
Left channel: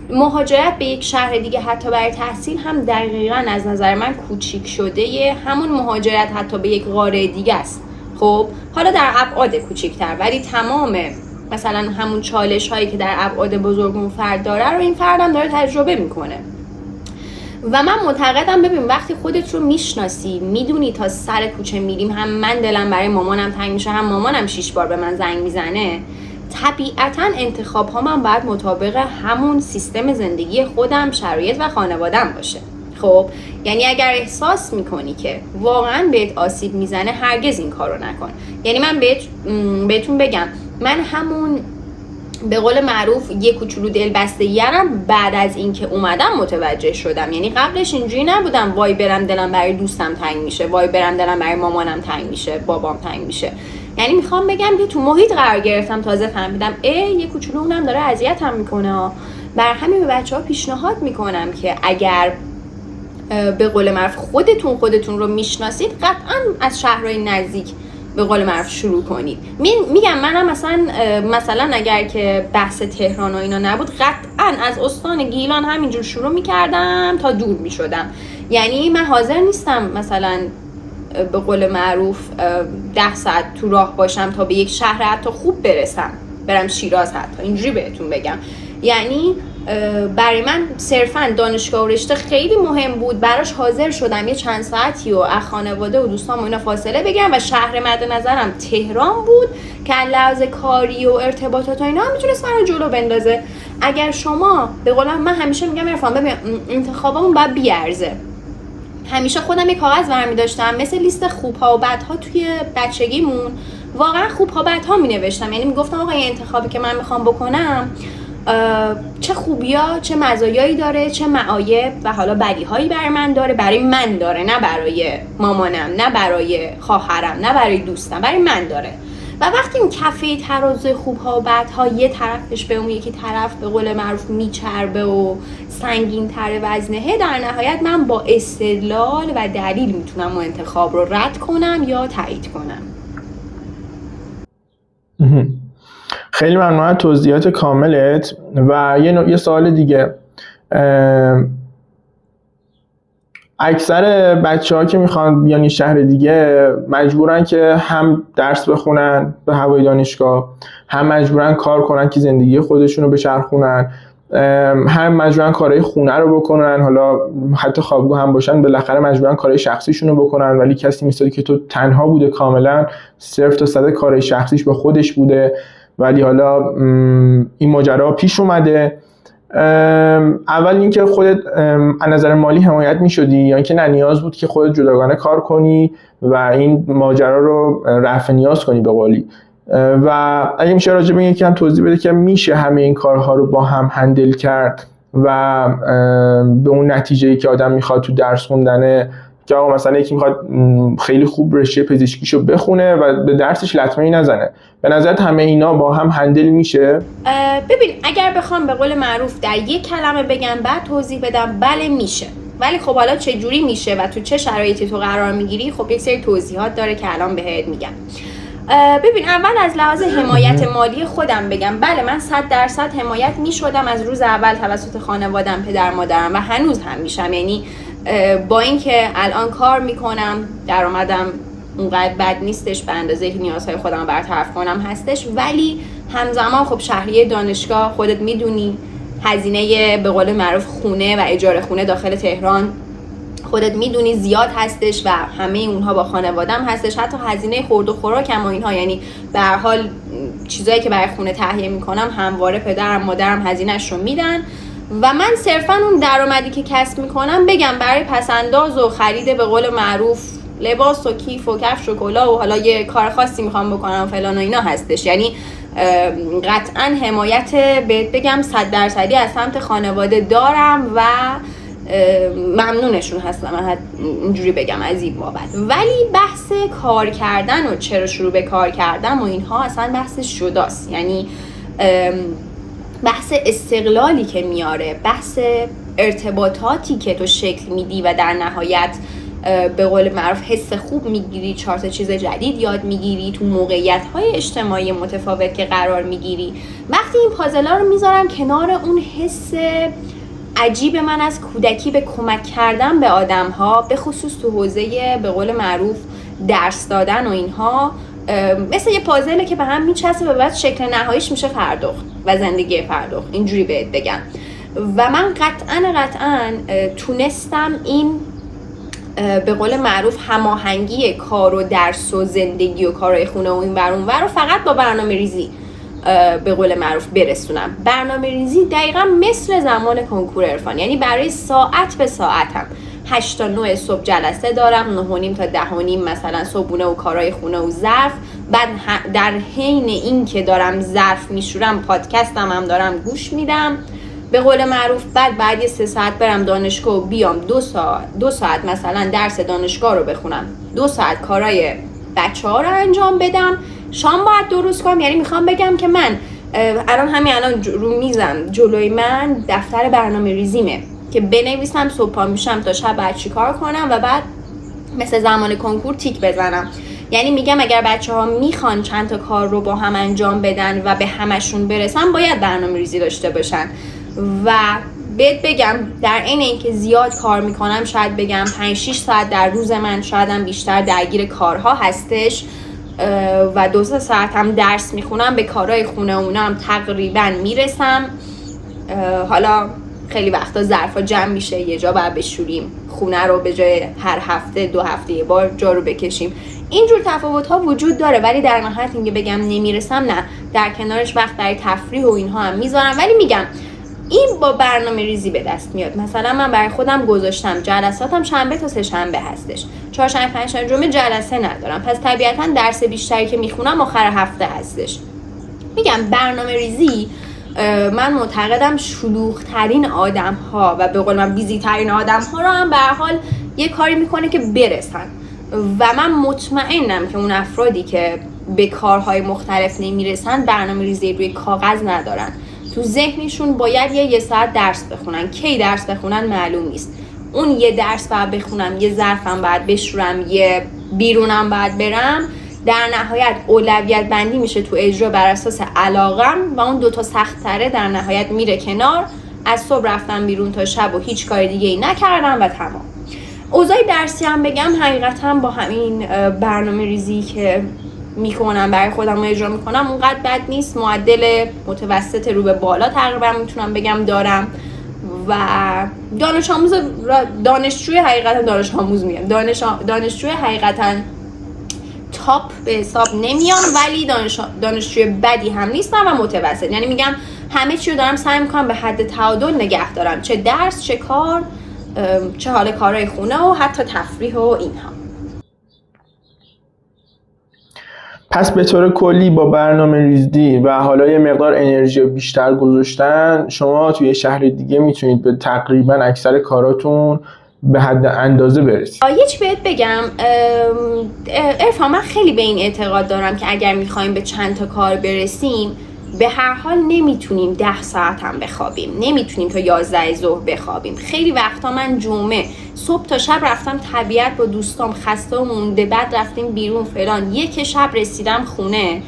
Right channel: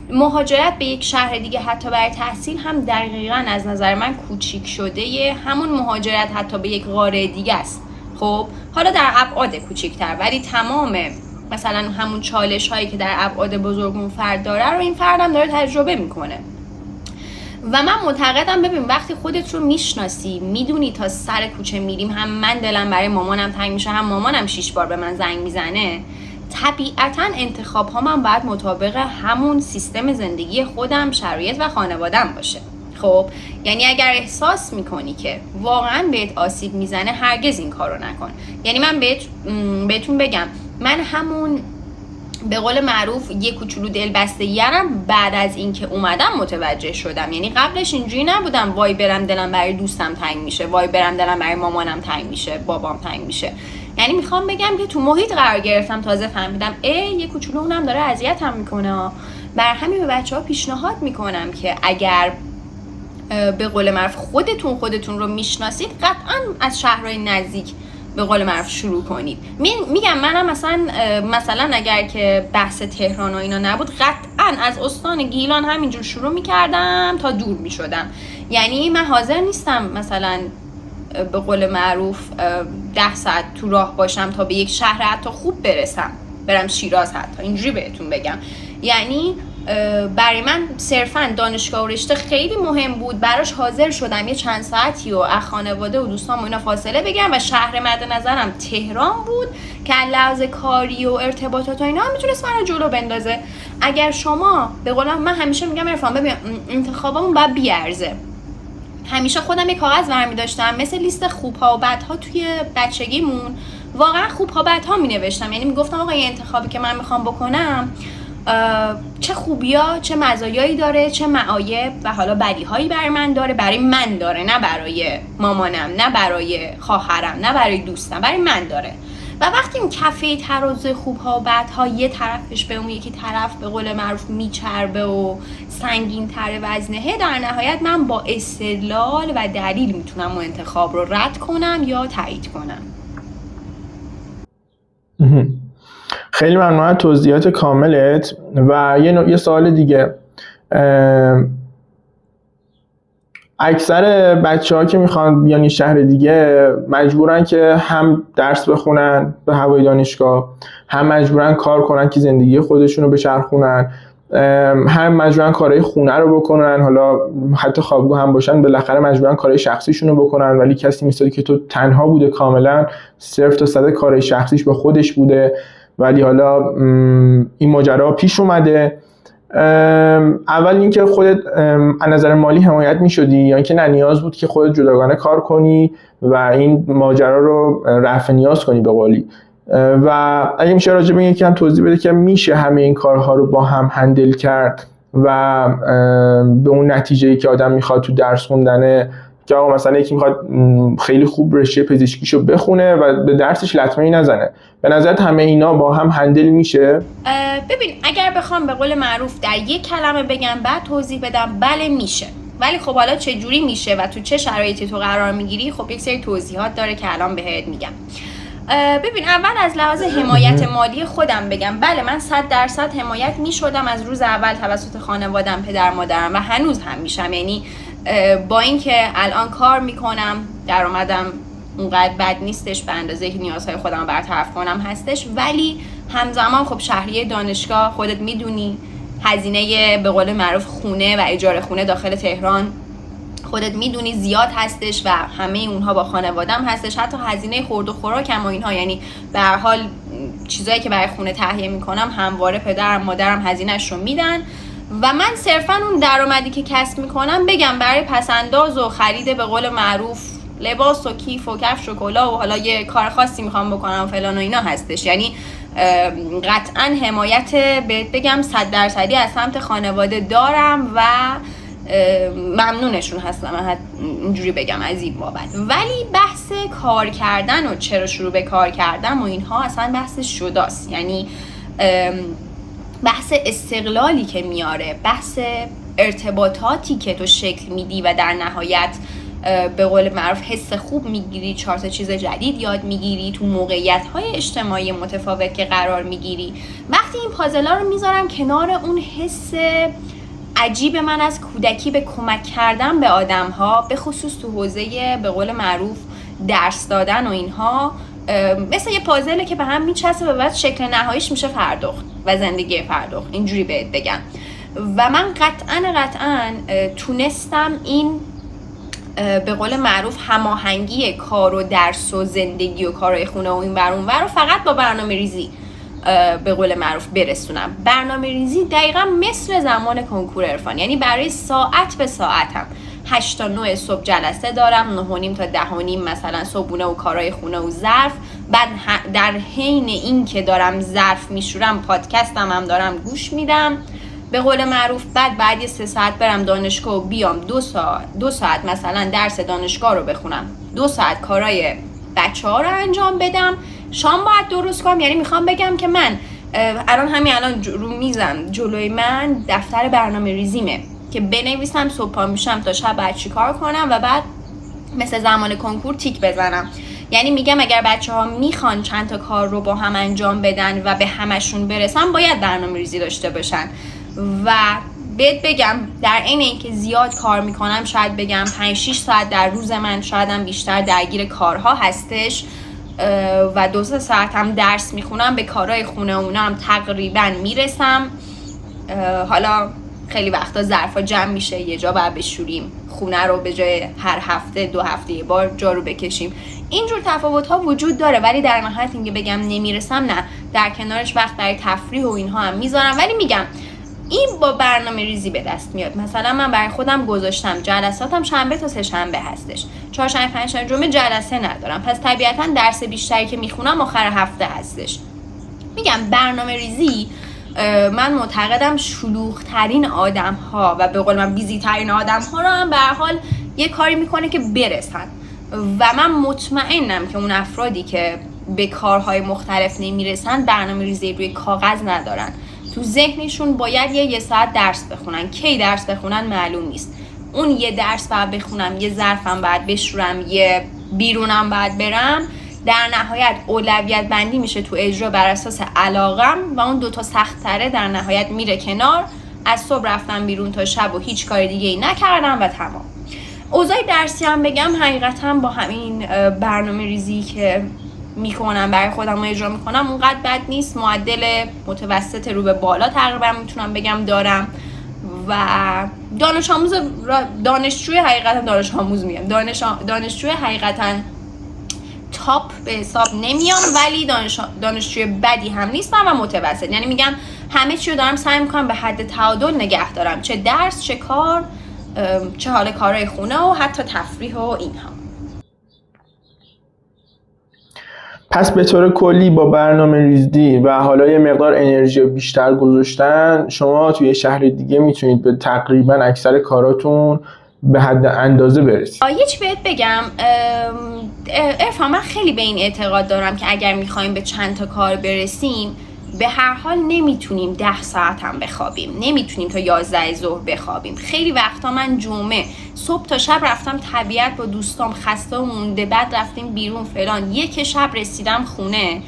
مهاجرت به یک شهر دیگه حتی برای تحصیل هم دقیقاً از نظر من کوچیک شده همون مهاجرت حتی به یک قاره دیگه است. خب حالا در ابعاد کوچیک‌تر، ولی تمام مثلا همون چالش هایی که در ابعاد بزرگ اون فرد داره رو این فردم داره تجربه میکنه. و من معتقدم ببین وقتی خودت رو میشناسی، میدونی تا سر کوچه میریم هم من دلم برای مامانم تنگ میشه، هم مامانم 6 بار به من زنگ میزنه، طبیعتاً انتخاب ها من باید مطابق همون سیستم زندگی خودم، شرایط و خانوادم باشه. خب یعنی اگر احساس میکنی که واقعاً بهت آسیب میزنه هرگز این کارو نکن. یعنی من بهتون بگم من همون به قول معروف یه کوچولو دلبستگی‌ام بعد از اینکه اومدم متوجه شدم. یعنی قبلش اینجوری نبودم وای برم دلم برای دوستم تنگ میشه، وای برم دلم برای مامانم تنگ میشه، بابام تنگ میشه. یعنی میخوام بگم که تو محیط قرار گرفتم تازه فهمیدم یه کوچولو اونم داره اذیتم میکنه. بر همین به بچه‌ها پیشنهاد میکنم که اگر به قول معروف خودتون رو میشناسید قطعاً از شهرهای نزدیک به قول معروف شروع کنید. میگم منم مثلا اگر که بحث تهران و اینا نبود قطعا از استان گیلان همینجور شروع میکردم تا دور میشدم. یعنی من حاضر نیستم مثلا به قول معروف 10 ساعت تو راه باشم تا به یک شهر حتی خوب برسم، برم شیراز حتی، اینجوری بهتون بگم. یعنی برای من صرفا دانشگاه و رشته خیلی مهم بود، براش حاضر شدم یه چند ساعتی و از خانواده و دوستام و اینا فاصله بگیرم و شهر مد نظرم تهران بود که لحاظ کاری و ارتباطات و اینا میتونست من رو جلو بندازه. اگر شما به قول من همیشه میگم عرفان ببین انتخابمون باید بیارزه. همیشه خودم یه کاغذ برمی داشتم مثل لیست خوبها و بدها توی بچگیمون، واقعا خوبها بدها می نوشتم. یعنی میگفتم آقا این انتخابی که من میخوام بکنم چه خوبیا چه مزایایی داره، چه معایب و حالا بدیهایی برای من داره، برای من داره، نه برای مامانم، نه برای خواهرم، نه برای دوستم، برای من داره. و وقتی این کفه ترازو خوبها و بدها یه طرفش به اون یکی طرف به قول معروف میچربه و سنگین تره وزنه، در نهایت من با استدلال و دلیل میتونم اون انتخاب رو رد کنم یا تایید کنم. خیلی ممنون از توضیحات کاملت. و یه سوال دیگه، اکثر بچه‌ها که میخوان بیان شهر دیگه مجبورن که هم درس بخونن به هوای دانشگاه، هم مجبورن کار کنن که زندگی خودشونو بچرخونن. هم مجبورن کارهای خونه رو بکنن، حالا حتی خوابگاه هم باشن بالاخره مجبورن کارهای شخصیشون رو بکنن، ولی کسی مثالی که تو تنها بوده کاملا 0 تا 100 کارهای شخصیش با خودش بوده، ولی حالا این ماجرا پیش اومده. اول اینکه خودت از نظر مالی حمایت می‌شدی یا اینکه نه نیاز بود که خودت جداگانه کار کنی و این ماجرا رو رفع نیاز کنی به قولی. و اگه میشه راجع به یکم توضیح بده که میشه همه این کارها رو با هم هندل کرد و به اون نتیجه‌ای که آدم میخواد تو درس خوندنه، که آقا مثلا یکی میخواد خیلی خوب رشته پزشکیشو بخونه و به درسش لطمه‌ای نزنه، به نظرت همه اینا با هم هندل میشه؟ ببین اگر بخوام به قول معروف در یک کلمه بگم بعد توضیح بدم، بله میشه. ولی خب حالا چه جوری میشه و تو چه شرایطی تو قرار میگیری، خب یک سری توضیحات داره که الان بهت میگم. ببین اول از لحاظ حمایت مالی خودم بگم، بله من 100% حمایت میشدم از روز اول توسط خانوادم، پدر مادرم، و هنوز هم میشم. یعنی با اینکه الان کار میکنم، درآمدم اونقدر بد نیستش به اندازه که نیازهای خودم برطرف کنم هستش، ولی همزمان خب شهریه دانشگاه خودت میدونی هزینه به قول معروف خونه و اجاره خونه داخل تهران خودت میدونی زیاد هستش و همه اونها با خانوادم هستش، حتی هزینه خورد و خوراکم و اینها. یعنی به هر حال چیزایی که برای خونه تهیه میکنم همواره پدرم مادرم هزینه‌اش رو میدن و من صرفا اون درآمدی که کسب میکنم بگم برای پسنداز و خرید به قول معروف لباس و کیف و کفش و کلاه و حالا یه کار خاصی میخوام بکنم فلان و اینا هستش. یعنی قطعا حمایت بهت بگم 100% از سمت خانواده دارم و ممنونشون هستم، اینجوری بگم از این بابت. ولی بحث کار کردن و چرا شروع به کار کردن و اینها اصلا بحث جداست. یعنی بحث استقلالی که میاره، بحث ارتباطاتی که تو شکل میدی و در نهایت به قول معروف حس خوب میگیری، 4 تا چیز جدید یاد میگیری، تو موقعیت‌های اجتماعی متفاوت که قرار میگیری. وقتی این پازلا رو میذارم کنار اون حس عجیب من از کودکی به کمک کردن به آدم‌ها، به خصوص تو حوزه به قول معروف درس دادن و اینها، مثل یه پازله که به هم میچسبه و بعد شکل نهاییش میشه فردخت و زندگی فردخت، اینجوری بهت بگم. و من قطعاً تونستم این به قول معروف هماهنگی کار و درس و زندگی و کارهای خونه و این ور اون ور رو فقط با برنامه ریزی به قول معروف برسونم. برنامه ریزی دقیقا مثل زمان کنکور عرفان، یعنی برای ساعت به ساعتم 8 تا 9 صبح جلسه دارم، 9:30 تا 10:30 مثلا صبحونه و کارهای خونه و ظرف، بعد در حین این که دارم ظرف میشورم پادکستم هم دارم گوش میدم به قول معروف، بعد 3 ساعت برم دانشگاه و بیام 2 ساعت مثلا درس دانشگاه رو بخونم، 2 ساعت کارهای بچه‌ها رو انجام بدم، شام باید درست کنم. یعنی میخوام بگم که من الان رو میزم جلوی من دفتر برنامه ریزیمه که بنویسم صبح پا میشم تا شب بعد چی کار کنم و بعد مثل زمان کنکور تیک بزنم. یعنی میگم اگر بچه‌ها میخوان چند تا کار رو با هم انجام بدن و به همشون برسن باید برنامه ریزی داشته باشن. و بهت بگم در این اینکه زیاد کار میکنم، شاید بگم 5-6 ساعت در روز من شایدم بیشتر درگیر کارها هستش و 2 ساعت هم درس میخونم، به کارهای خونه اونا هم تقریبا میرسم. حالا خیلی وقتا ظرفا جمع میشه، یه جا باید بشوریم، خونه رو به جای هر هفته 2 هفته یه بار جارو بکشیم. اینجور تفاوت ها وجود داره، ولی در نهایت اینکه بگم نمیرسم نه، در کنارش وقت برای تفریح و اینها هم میذارم. ولی میگم این با برنامه ریزی به دست میاد. مثلا من برای خودم گذاشتم جلساتم شنبه تا سه شنبه هستش، چهارشنبه پنجشنبه جمعه جلسه ندارم، پس طبیعتا درس بیشتری که میخونم آخر هفته هستش. میگم برنامه ریزی من معتقدم شلوغ ترین آدم ها و به قول من بیزی ترین آدم ها رو هم به هر حال یه کاری میکنه که برسن. و من مطمئنم که اون افرادی که به کارهای مختلف نمیرسن برنامه ریزی روی کاغذ ندارن، تو ذهنشون باید یه ساعت درس بخونن. کی درس بخونن معلوم نیست. اون یه درس باید بخونم، یه ظرفم باید بشورم، یه بیرونم باید برم، در نهایت اولویت بندی میشه تو اجرا بر اساس علاقم و اون 2 تا سخت تره در نهایت میره کنار. از صبح رفتم بیرون تا شب و هیچ کار دیگه ای نکردم و تمام. اوضاع درسی هم بگم حقیقتا با همین برنامه ریزی که میکنم برای خودم و اجرا میکنم اونقدر بد نیست. معدل متوسط رو به بالا تقریبا میتونم بگم دارم و دانشجوی حقیقتا تاپ به حساب نمیام، ولی دانشجوی بدی هم نیستم و متوسط. یعنی میگم همه چی رو دارم سعی میکنم به حد تعادل نگه دارم، چه درس، چه کار، چه حال کارهای خونه و حتی تفریح و اینها. پس به طور کلی با برنامه ریزی و حالا یه مقدار انرژی بیشتر گذاشتن شما توی شهر دیگه میتونید به تقریبا اکثر کاراتون به حد اندازه برسید. یه چی بهت بگم عرفان، من خیلی به این اعتقاد دارم که اگر میخوایم به چند تا کار برسیم به هر حال نمیتونیم 10 ساعت هم بخوابیم، نمیتونیم تا 11 ظهر بخوابیم. خیلی وقتا من جمعه صبح تا شب رفتم طبیعت با دوستام، خسته و مونده، بعد رفتیم بیرون فلان، یک شب رسیدم خونه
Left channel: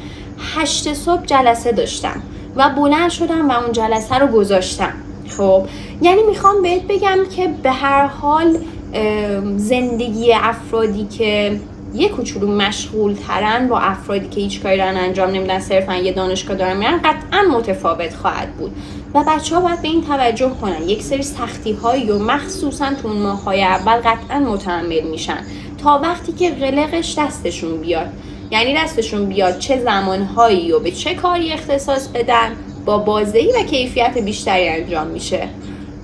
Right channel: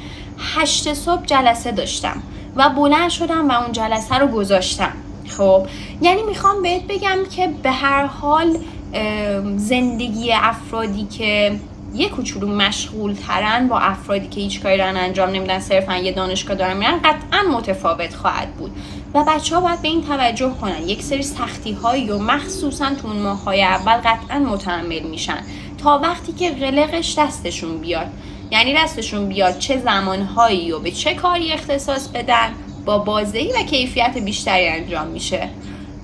8 صبح جلسه داشتم و بلند شدم و اون جلسه رو گذاشتم. خب یعنی میخوام بهت بگم که به هر حال زندگی افرادی که یه کوچولو مشغول ترن با افرادی که هیچ کاری دارن انجام نمیدن، صرفا یه دانشگاه دارن میرن، قطعا متفاوت خواهد بود و بچه‌ها باید به این توجه کنن. یک سری سختی‌هایی و مخصوصا تو اون ماه‌های اول قطعا متحمل میشن تا وقتی که قلقش دستشون بیاد. یعنی دستشون بیاد چه زمانهایی و به چه کاری اختصاص بدن، با بازدهی و کیفیت بیشتری انجام میشه.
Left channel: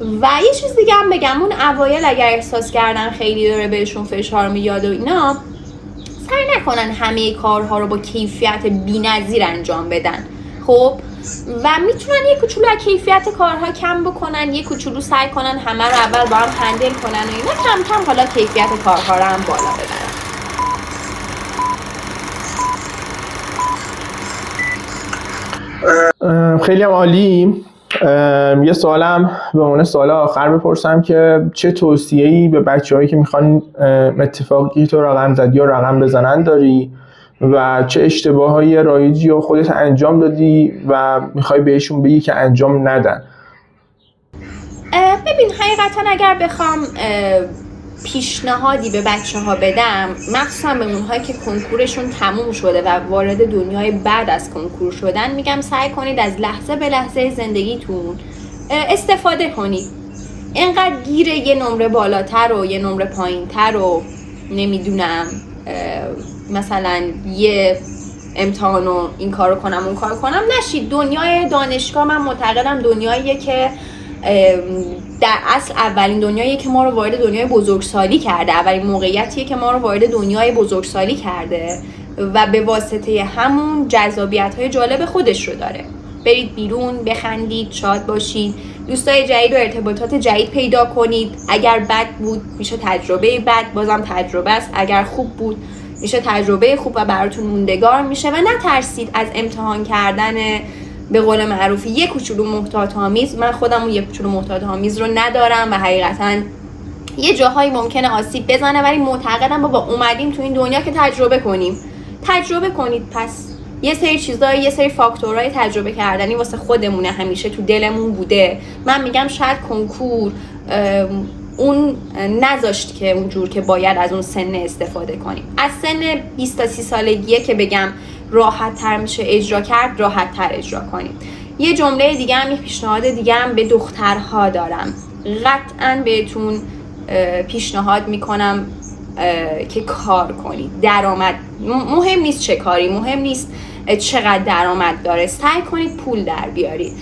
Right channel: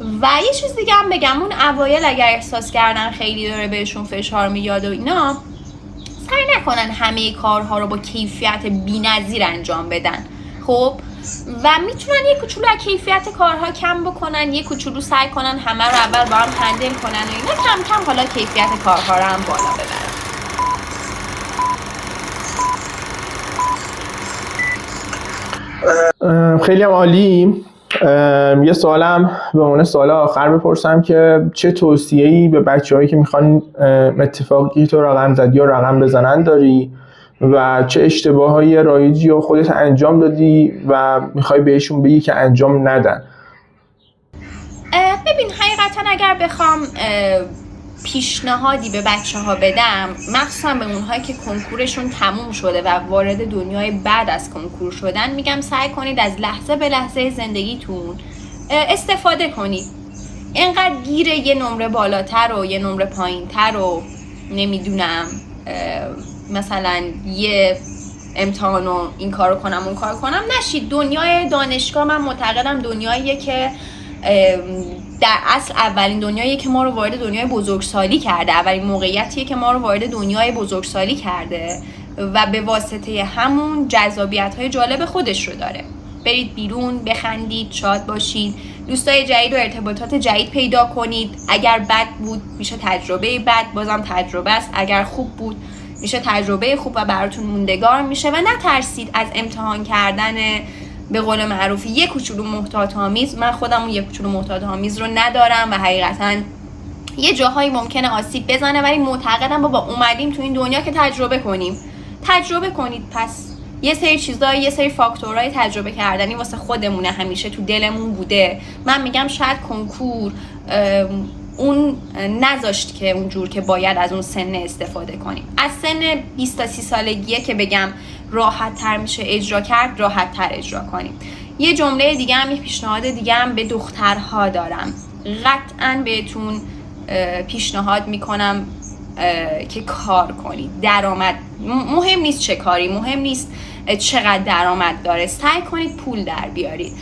و یه چیز دیگه هم بگم، اون اوایل اگر احساس کردن خیلی داره بهشون فشار میاد و اینا، سعی نکنن همه کارها رو با کیفیت بی‌نظیر انجام بدن. خب و میتونن یه کوچولو از کیفیت کارها کم بکنن، یه کوچولو سعی کنن همه رو اول با هم هندل کنن و اینا، کم کم حالا کیفیت کارها رو هم بالا ببرن. خیلی هم عالی. یه سوالم به عنوان سوال آخر بپرسم که چه توصیه‌ای به بچه‌هایی که میخوان اتفاقی تو رقم زدی یا رقم بزنن داری و چه اشتباهایی رایجی رو خودت انجام دادی و میخوای بهشون بگی که انجام ندن؟ ببین حقیقتا اگر بخوام پیشنهادی به بچه‌ها بدم، مخصوصا به اونهایی که کنکورشون تموم شده و وارد دنیای بعد از کنکور شدن، میگم سعی کنید از لحظه به لحظه زندگیتون استفاده کنید. اینقدر گیر یه نمره بالاتر و یه نمره پایینتر و نمیدونم مثلا یه امتحان و این کارو کنم اون کارو کنم نشید. دنیای دانشگاه من معتقدم دنیاییه که در اصل اولین دنیاییه که ما رو وارد دنیای بزرگسالی کرده، اولین موقعیتیه که ما رو وارد دنیای بزرگسالی کرده و به واسطه همون جذابیت‌های جالب خودش رو داره. برید بیرون، بخندید، شاد باشید، دوستای جدید و ارتباطات جدید پیدا کنید. اگر بد بود میشه تجربه بد، بازم تجربه است. اگر خوب بود میشه تجربه خوب و براتون موندگار میشه. و نترسید از امتحان کردن به قول معروف یک کوچولو محتاط آمیز. من خودم اون یک کوچولو محتاط آمیز رو ندارم و حقیقتا یه جاهایی ممکنه آسیب بزنه، ولی معتقدم با اومدیم تو این دنیا که تجربه کنیم. تجربه کنید. پس یه سری چیزا، یه سری فاکتورهای تجربه کردنی واسه خودمونه، همیشه تو دلمون بوده. من میگم شاید کنکور اون نذاشت که اونجور که باید از اون سن استفاده کنیم. از سن 20 تا 30 سالگیه که بگم راحت تر میشه اجرا کرد، راحت تر اجرا کنیم. یه جمله دیگه هم، یه پیشنهاد دیگه هم به دخترها دارم. قطعاً بهتون پیشنهاد میکنم که کار کنید. درآمد مهم نیست چه کاری، مهم نیست چقدر درآمد داره، سعی کنید پول در بیارید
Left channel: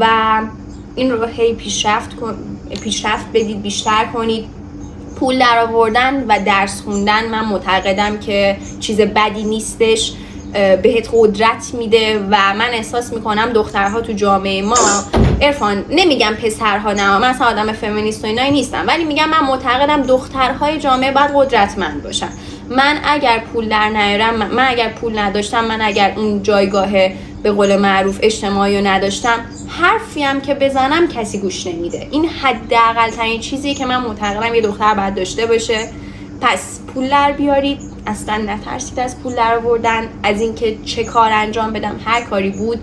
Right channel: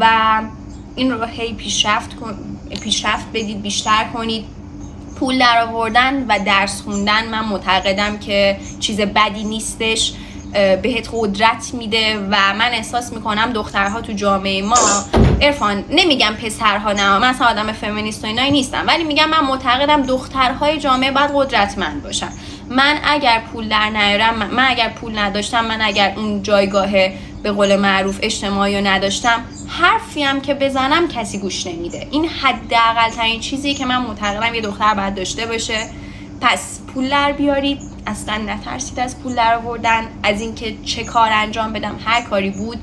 و این رو هی پیشرفت بدید، بیشتر کنید. پول در آوردن و درس خوندن من معتقدم که چیز بدی نیستش، بهت قدرت میده و من احساس میکنم دخترها تو جامعه ما، عرفان نمیگم پسرها، نه من اصلا آدم فمینیست و اینایی نیستم، ولی میگم من معتقدم دخترهای جامعه باید قدرتمند باشن. من اگر پول در نیارم، من اگر پول نداشتم، من اگر اون جایگاه به قول معروف اجتماعی رو نداشتم، حرفی هم که بزنم کسی گوش نمیده. این حداقل ترین چیزیه که من معتقدم یه دختر باید داشته باشه. پس پول در بیارید، اصلا نترسید از پول در آوردن، از اینکه چه کار انجام بدم، هر کاری بود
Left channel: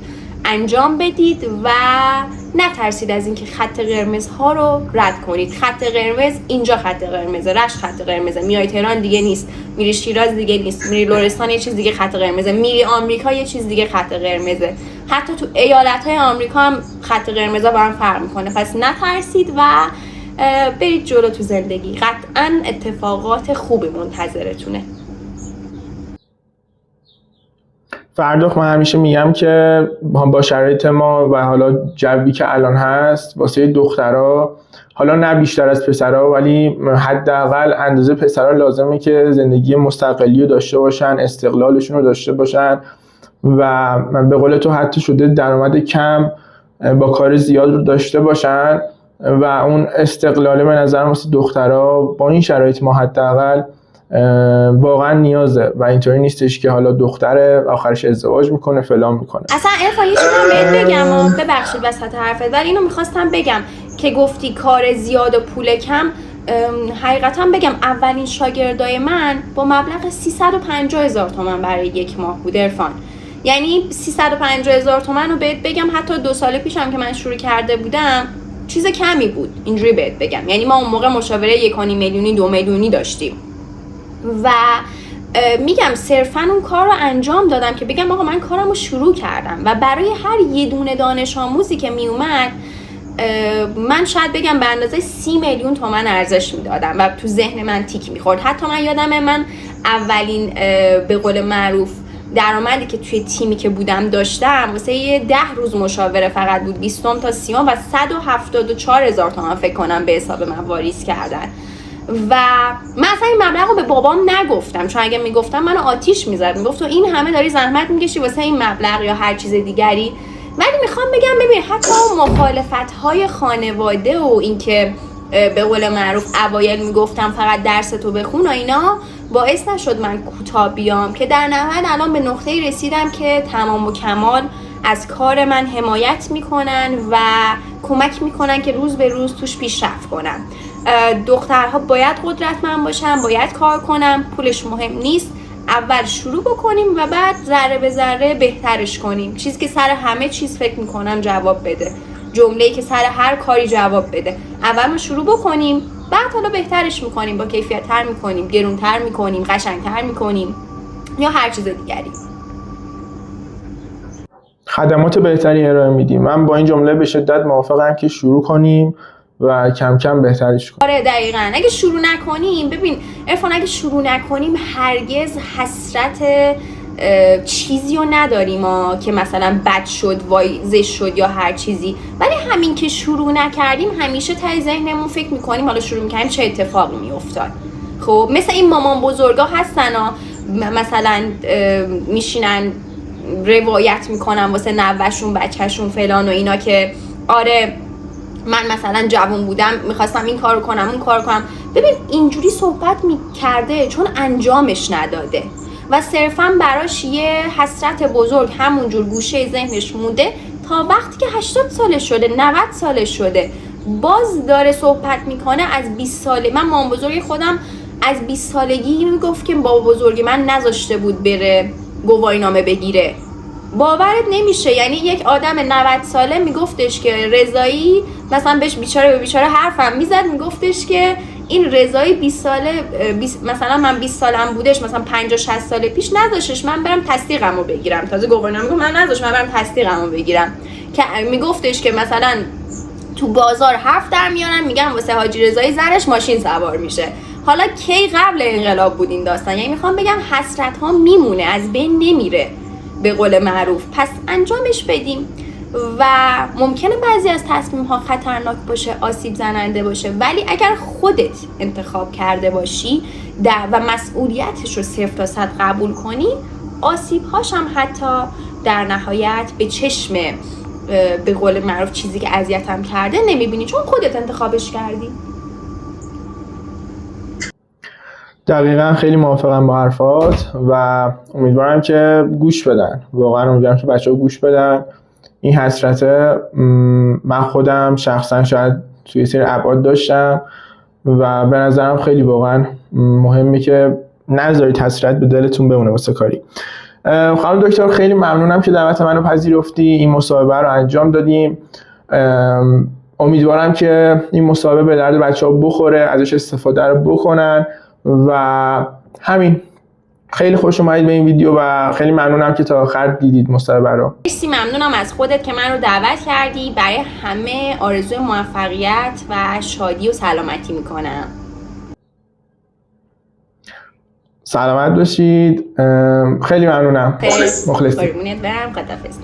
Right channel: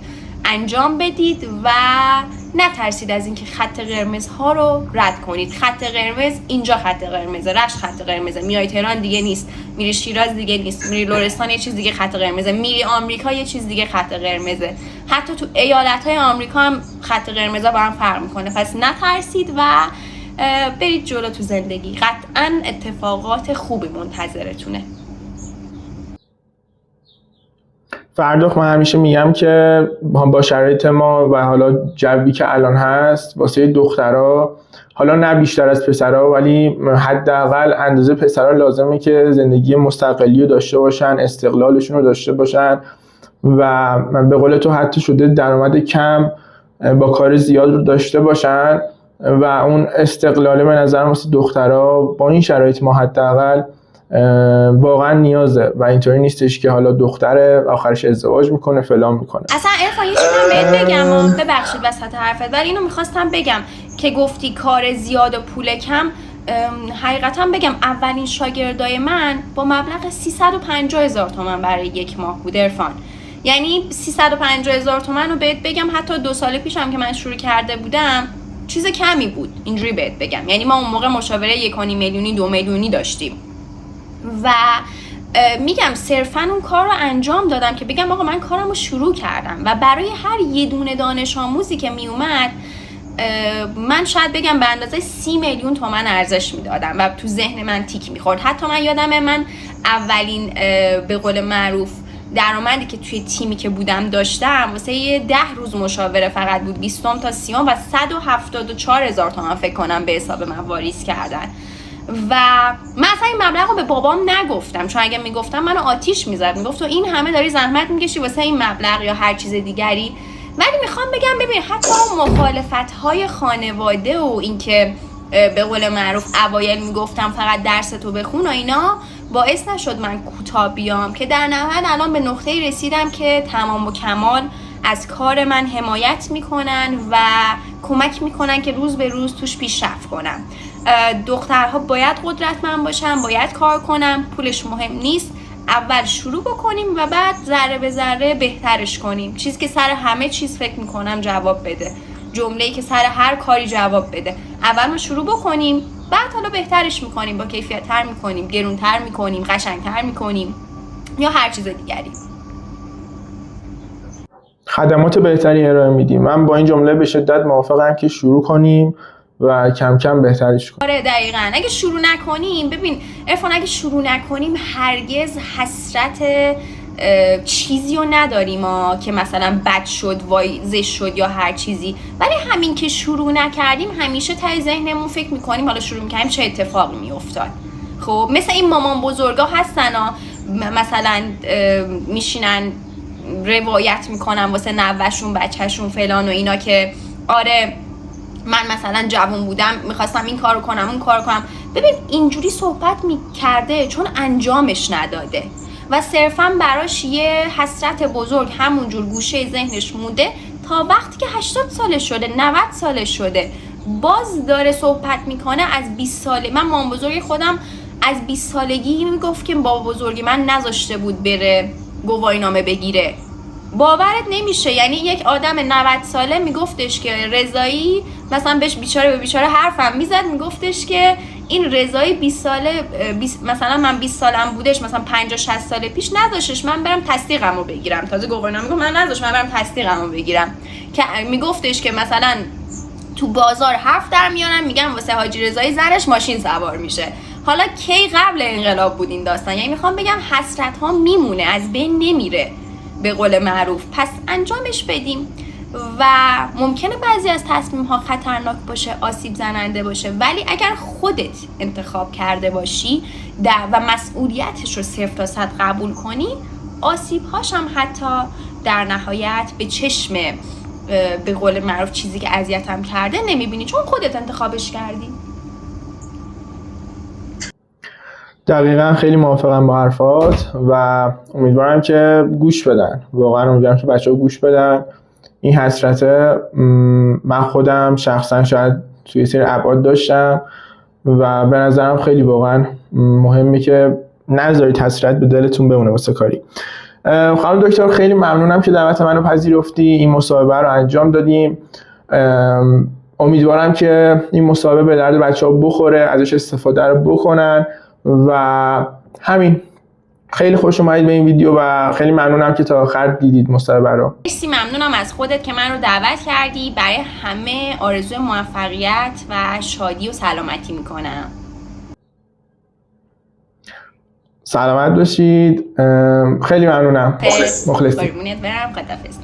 انجام بدید و نترسید از اینکه خط قرمزها رو رد کنید. خط قرمز اینجا خط قرمزه، رشت خط قرمزه، میای تهران دیگه نیست، میری شیراز دیگه نیست، میری لرستان یه چیز دیگه خط قرمزه، میری آمریکا یه چیز دیگه خط قرمزه، حتی تو ایالت‌های آمریکا هم خط قرمزا با هم فرق میکنه. پس نترسید و برید جلو تو زندگی، قطعاً اتفاقات خوبی منتظرتونه. فرخ، من همیشه میگم که با شرایط ما و حالا جوی که الان هست واسه دخترها، حالا نه بیشتر از پسرها ولی حداقل اندازه پسرها لازمه که زندگی مستقلی رو داشته باشن، استقلالشون رو داشته باشن و به قول تو حتی شده درآمد کم با کار زیاد رو داشته باشن و اون استقلاله به نظرم واسه دخترها با این شرایط ما حداقل واقعا نیازه و اینطوری نیستش که حالا دختره آخرش ازدواج میکنه فلان میکنه. اصلا عرفان یه چیزی من بهت بگم، ببخشید وسط حرفت، ولی اینو میخواستم بگم که گفتی کار زیاد و پول کم. حقیقتا بگم اولین شاگردای من با مبلغ 350,000 تومان برای یک ماه بود عرفان. یعنی 350,000 تومان رو بهت بگم حتی 2 سال پیشم که من شروع کرده بودم چیز کمی بود، اینجوری بهت بگم. یعنی ما اون موقع مشاوره 1.5 میلیونی 2 میلیونی داشتیم و میگم صرفا اون کار رو انجام دادم که بگم آقا من کارم رو شروع کردم و برای هر یه دونه دانش آموزی که می اومد من شاید بگم به اندازه 30 میلیون تومان ارزش میدادم و تو ذهن من تیک میخورد. حتی من یادمه من اولین به قول معروف درآمدی که توی تیمی که بودم داشتم واسه 10 روز مشاوره فقط بود 20 تا 30 و 174,000 تومان فکر کنم به حساب من واریز کردن و من اصلا این مبلغ رو به بابام نگفتم، چون اگه میگفتم منو آتیش میزد، میگفت تو این همه داری زحمت میکشی واسه این مبلغ یا هر چیز دیگری. ولی میخوام بگم ببین حتی اون مخالفت‌های خانواده و اینکه به قول معروف اوایل میگفتم فقط درس تو بخون و اینا باعث نشد من کوتاه بیام که در نهایت الان به نقطه‌ای رسیدم که تمام و کمال از کار من حمایت میکنن و کمک میکنن که روز به روز توش پیشرفت کنم. دخترها باید قدرتمند باشن، باید کار کنن، پولش مهم نیست، اول شروع بکنیم و بعد ذره به ذره بهترش کنیم. چیزی که سر همه چیز فکر میکنم جواب بده، جمله‌ای که سر هر کاری جواب بده. اول ما شروع بکنیم بعد حالا بهترش میکنیم، با کیفیت تر میکنیم، گرونتر میکنیم، قشنگتر میکنیم یا هر چیز دیگری. خدمات بهتری ارائه میدیم. من با این جمله به شدت موافقم که شروع کنیم و کم کم بهترش کنیم. آره دقیقاً. اگه شروع نکنیم، ببین عرفان اگه شروع نکنیم هرگز حسرت چیزی رو نداریم که مثلا بد شد، وایزش شد یا هر چیزی، ولی همین که شروع نکردیم همیشه تای ذهنمون فکر میکنیم حالا شروع میکنیم چه اتفاقی میافتاد. خب مثل این مامان بزرگا هستن مثلا میشینن روایت میکنن واسه نوه‌شون بچه‌شون فلان و اینا که آره من مثلا جوان بودم میخواستم این کارو کنم اون کارو کنم. ببین اینجوری صحبت میکرده چون انجامش نداده و صرفا براش یه حسرت بزرگ همونجور گوشه ذهنش مونده تا وقتی که 80 سالش شده 90 سالش شده باز داره صحبت میکنه از 20 ساله. من مام بزرگ خودم از 20 سالگی میگفت که بابا بزرگ من نذاشته بود بره گواهینامه بگیره. باورت نمیشه، یعنی یک آدم 90 ساله میگفتش که رضایی مثلا بهش بیچاره به بیچاره حرفم میزد، میگفتش که این رضایی 20 ساله مثلا من 20 سالم بودش مثلا 50 60 سال پیش نذاشتش من برم تصدیقمو بگیرم. تازه گواهینامه میگم من نذاشتم من برم تصدیقمو بگیرم که میگفتش که مثلا تو بازار حرف در میارن میگن واسه حاجی رضایی زنش ماشین سوار میشه. حالا کی قبل انقلاب بود این داستان. یعنی میخوام بگم حسرت ها میمونه، از بین نمیره به قول معروف. پس انجامش بدیم و ممکنه بعضی از تصمیم ها خطرناک باشه، آسیب زننده باشه، ولی اگر خودت انتخاب کرده باشی و مسئولیتش رو 0 تا 100 قبول کنی، آسیب هاش هم حتی در نهایت به چشم به قول معروف چیزی که اذیتم کرده نمیبینی، چون خودت انتخابش کردی. دقیقا خیلی موافقم با حرفات و امیدوارم که گوش بدن. واقعا امیدوارم که بچه‌ها گوش بدن. این حسرته من خودم شخصا شاید توی سری ابعاد داشتم و به نظرم خیلی واقعا مهمه که نذارید حسرت به دلتون بمونه واسه کاری. خانم دکتر خیلی ممنونم که دعوت منو پذیرفتی، این مصاحبه رو انجام دادیم. امیدوارم که این مصاحبه به درد بچه‌ها بخوره، ازش استفاده رو بکنن و همین. خیلی خوش اومدید به این ویدیو و خیلی ممنونم که تا آخر دیدید مصاحبه رو. مرسی، ممنونم از خودت که من رو دعوت کردی. برای همه آرزوی موفقیت و شادی و سلامتی میکنم. سلامت باشید. خیلی ممنونم. مخلصی. قربونت برم. خداحافظ.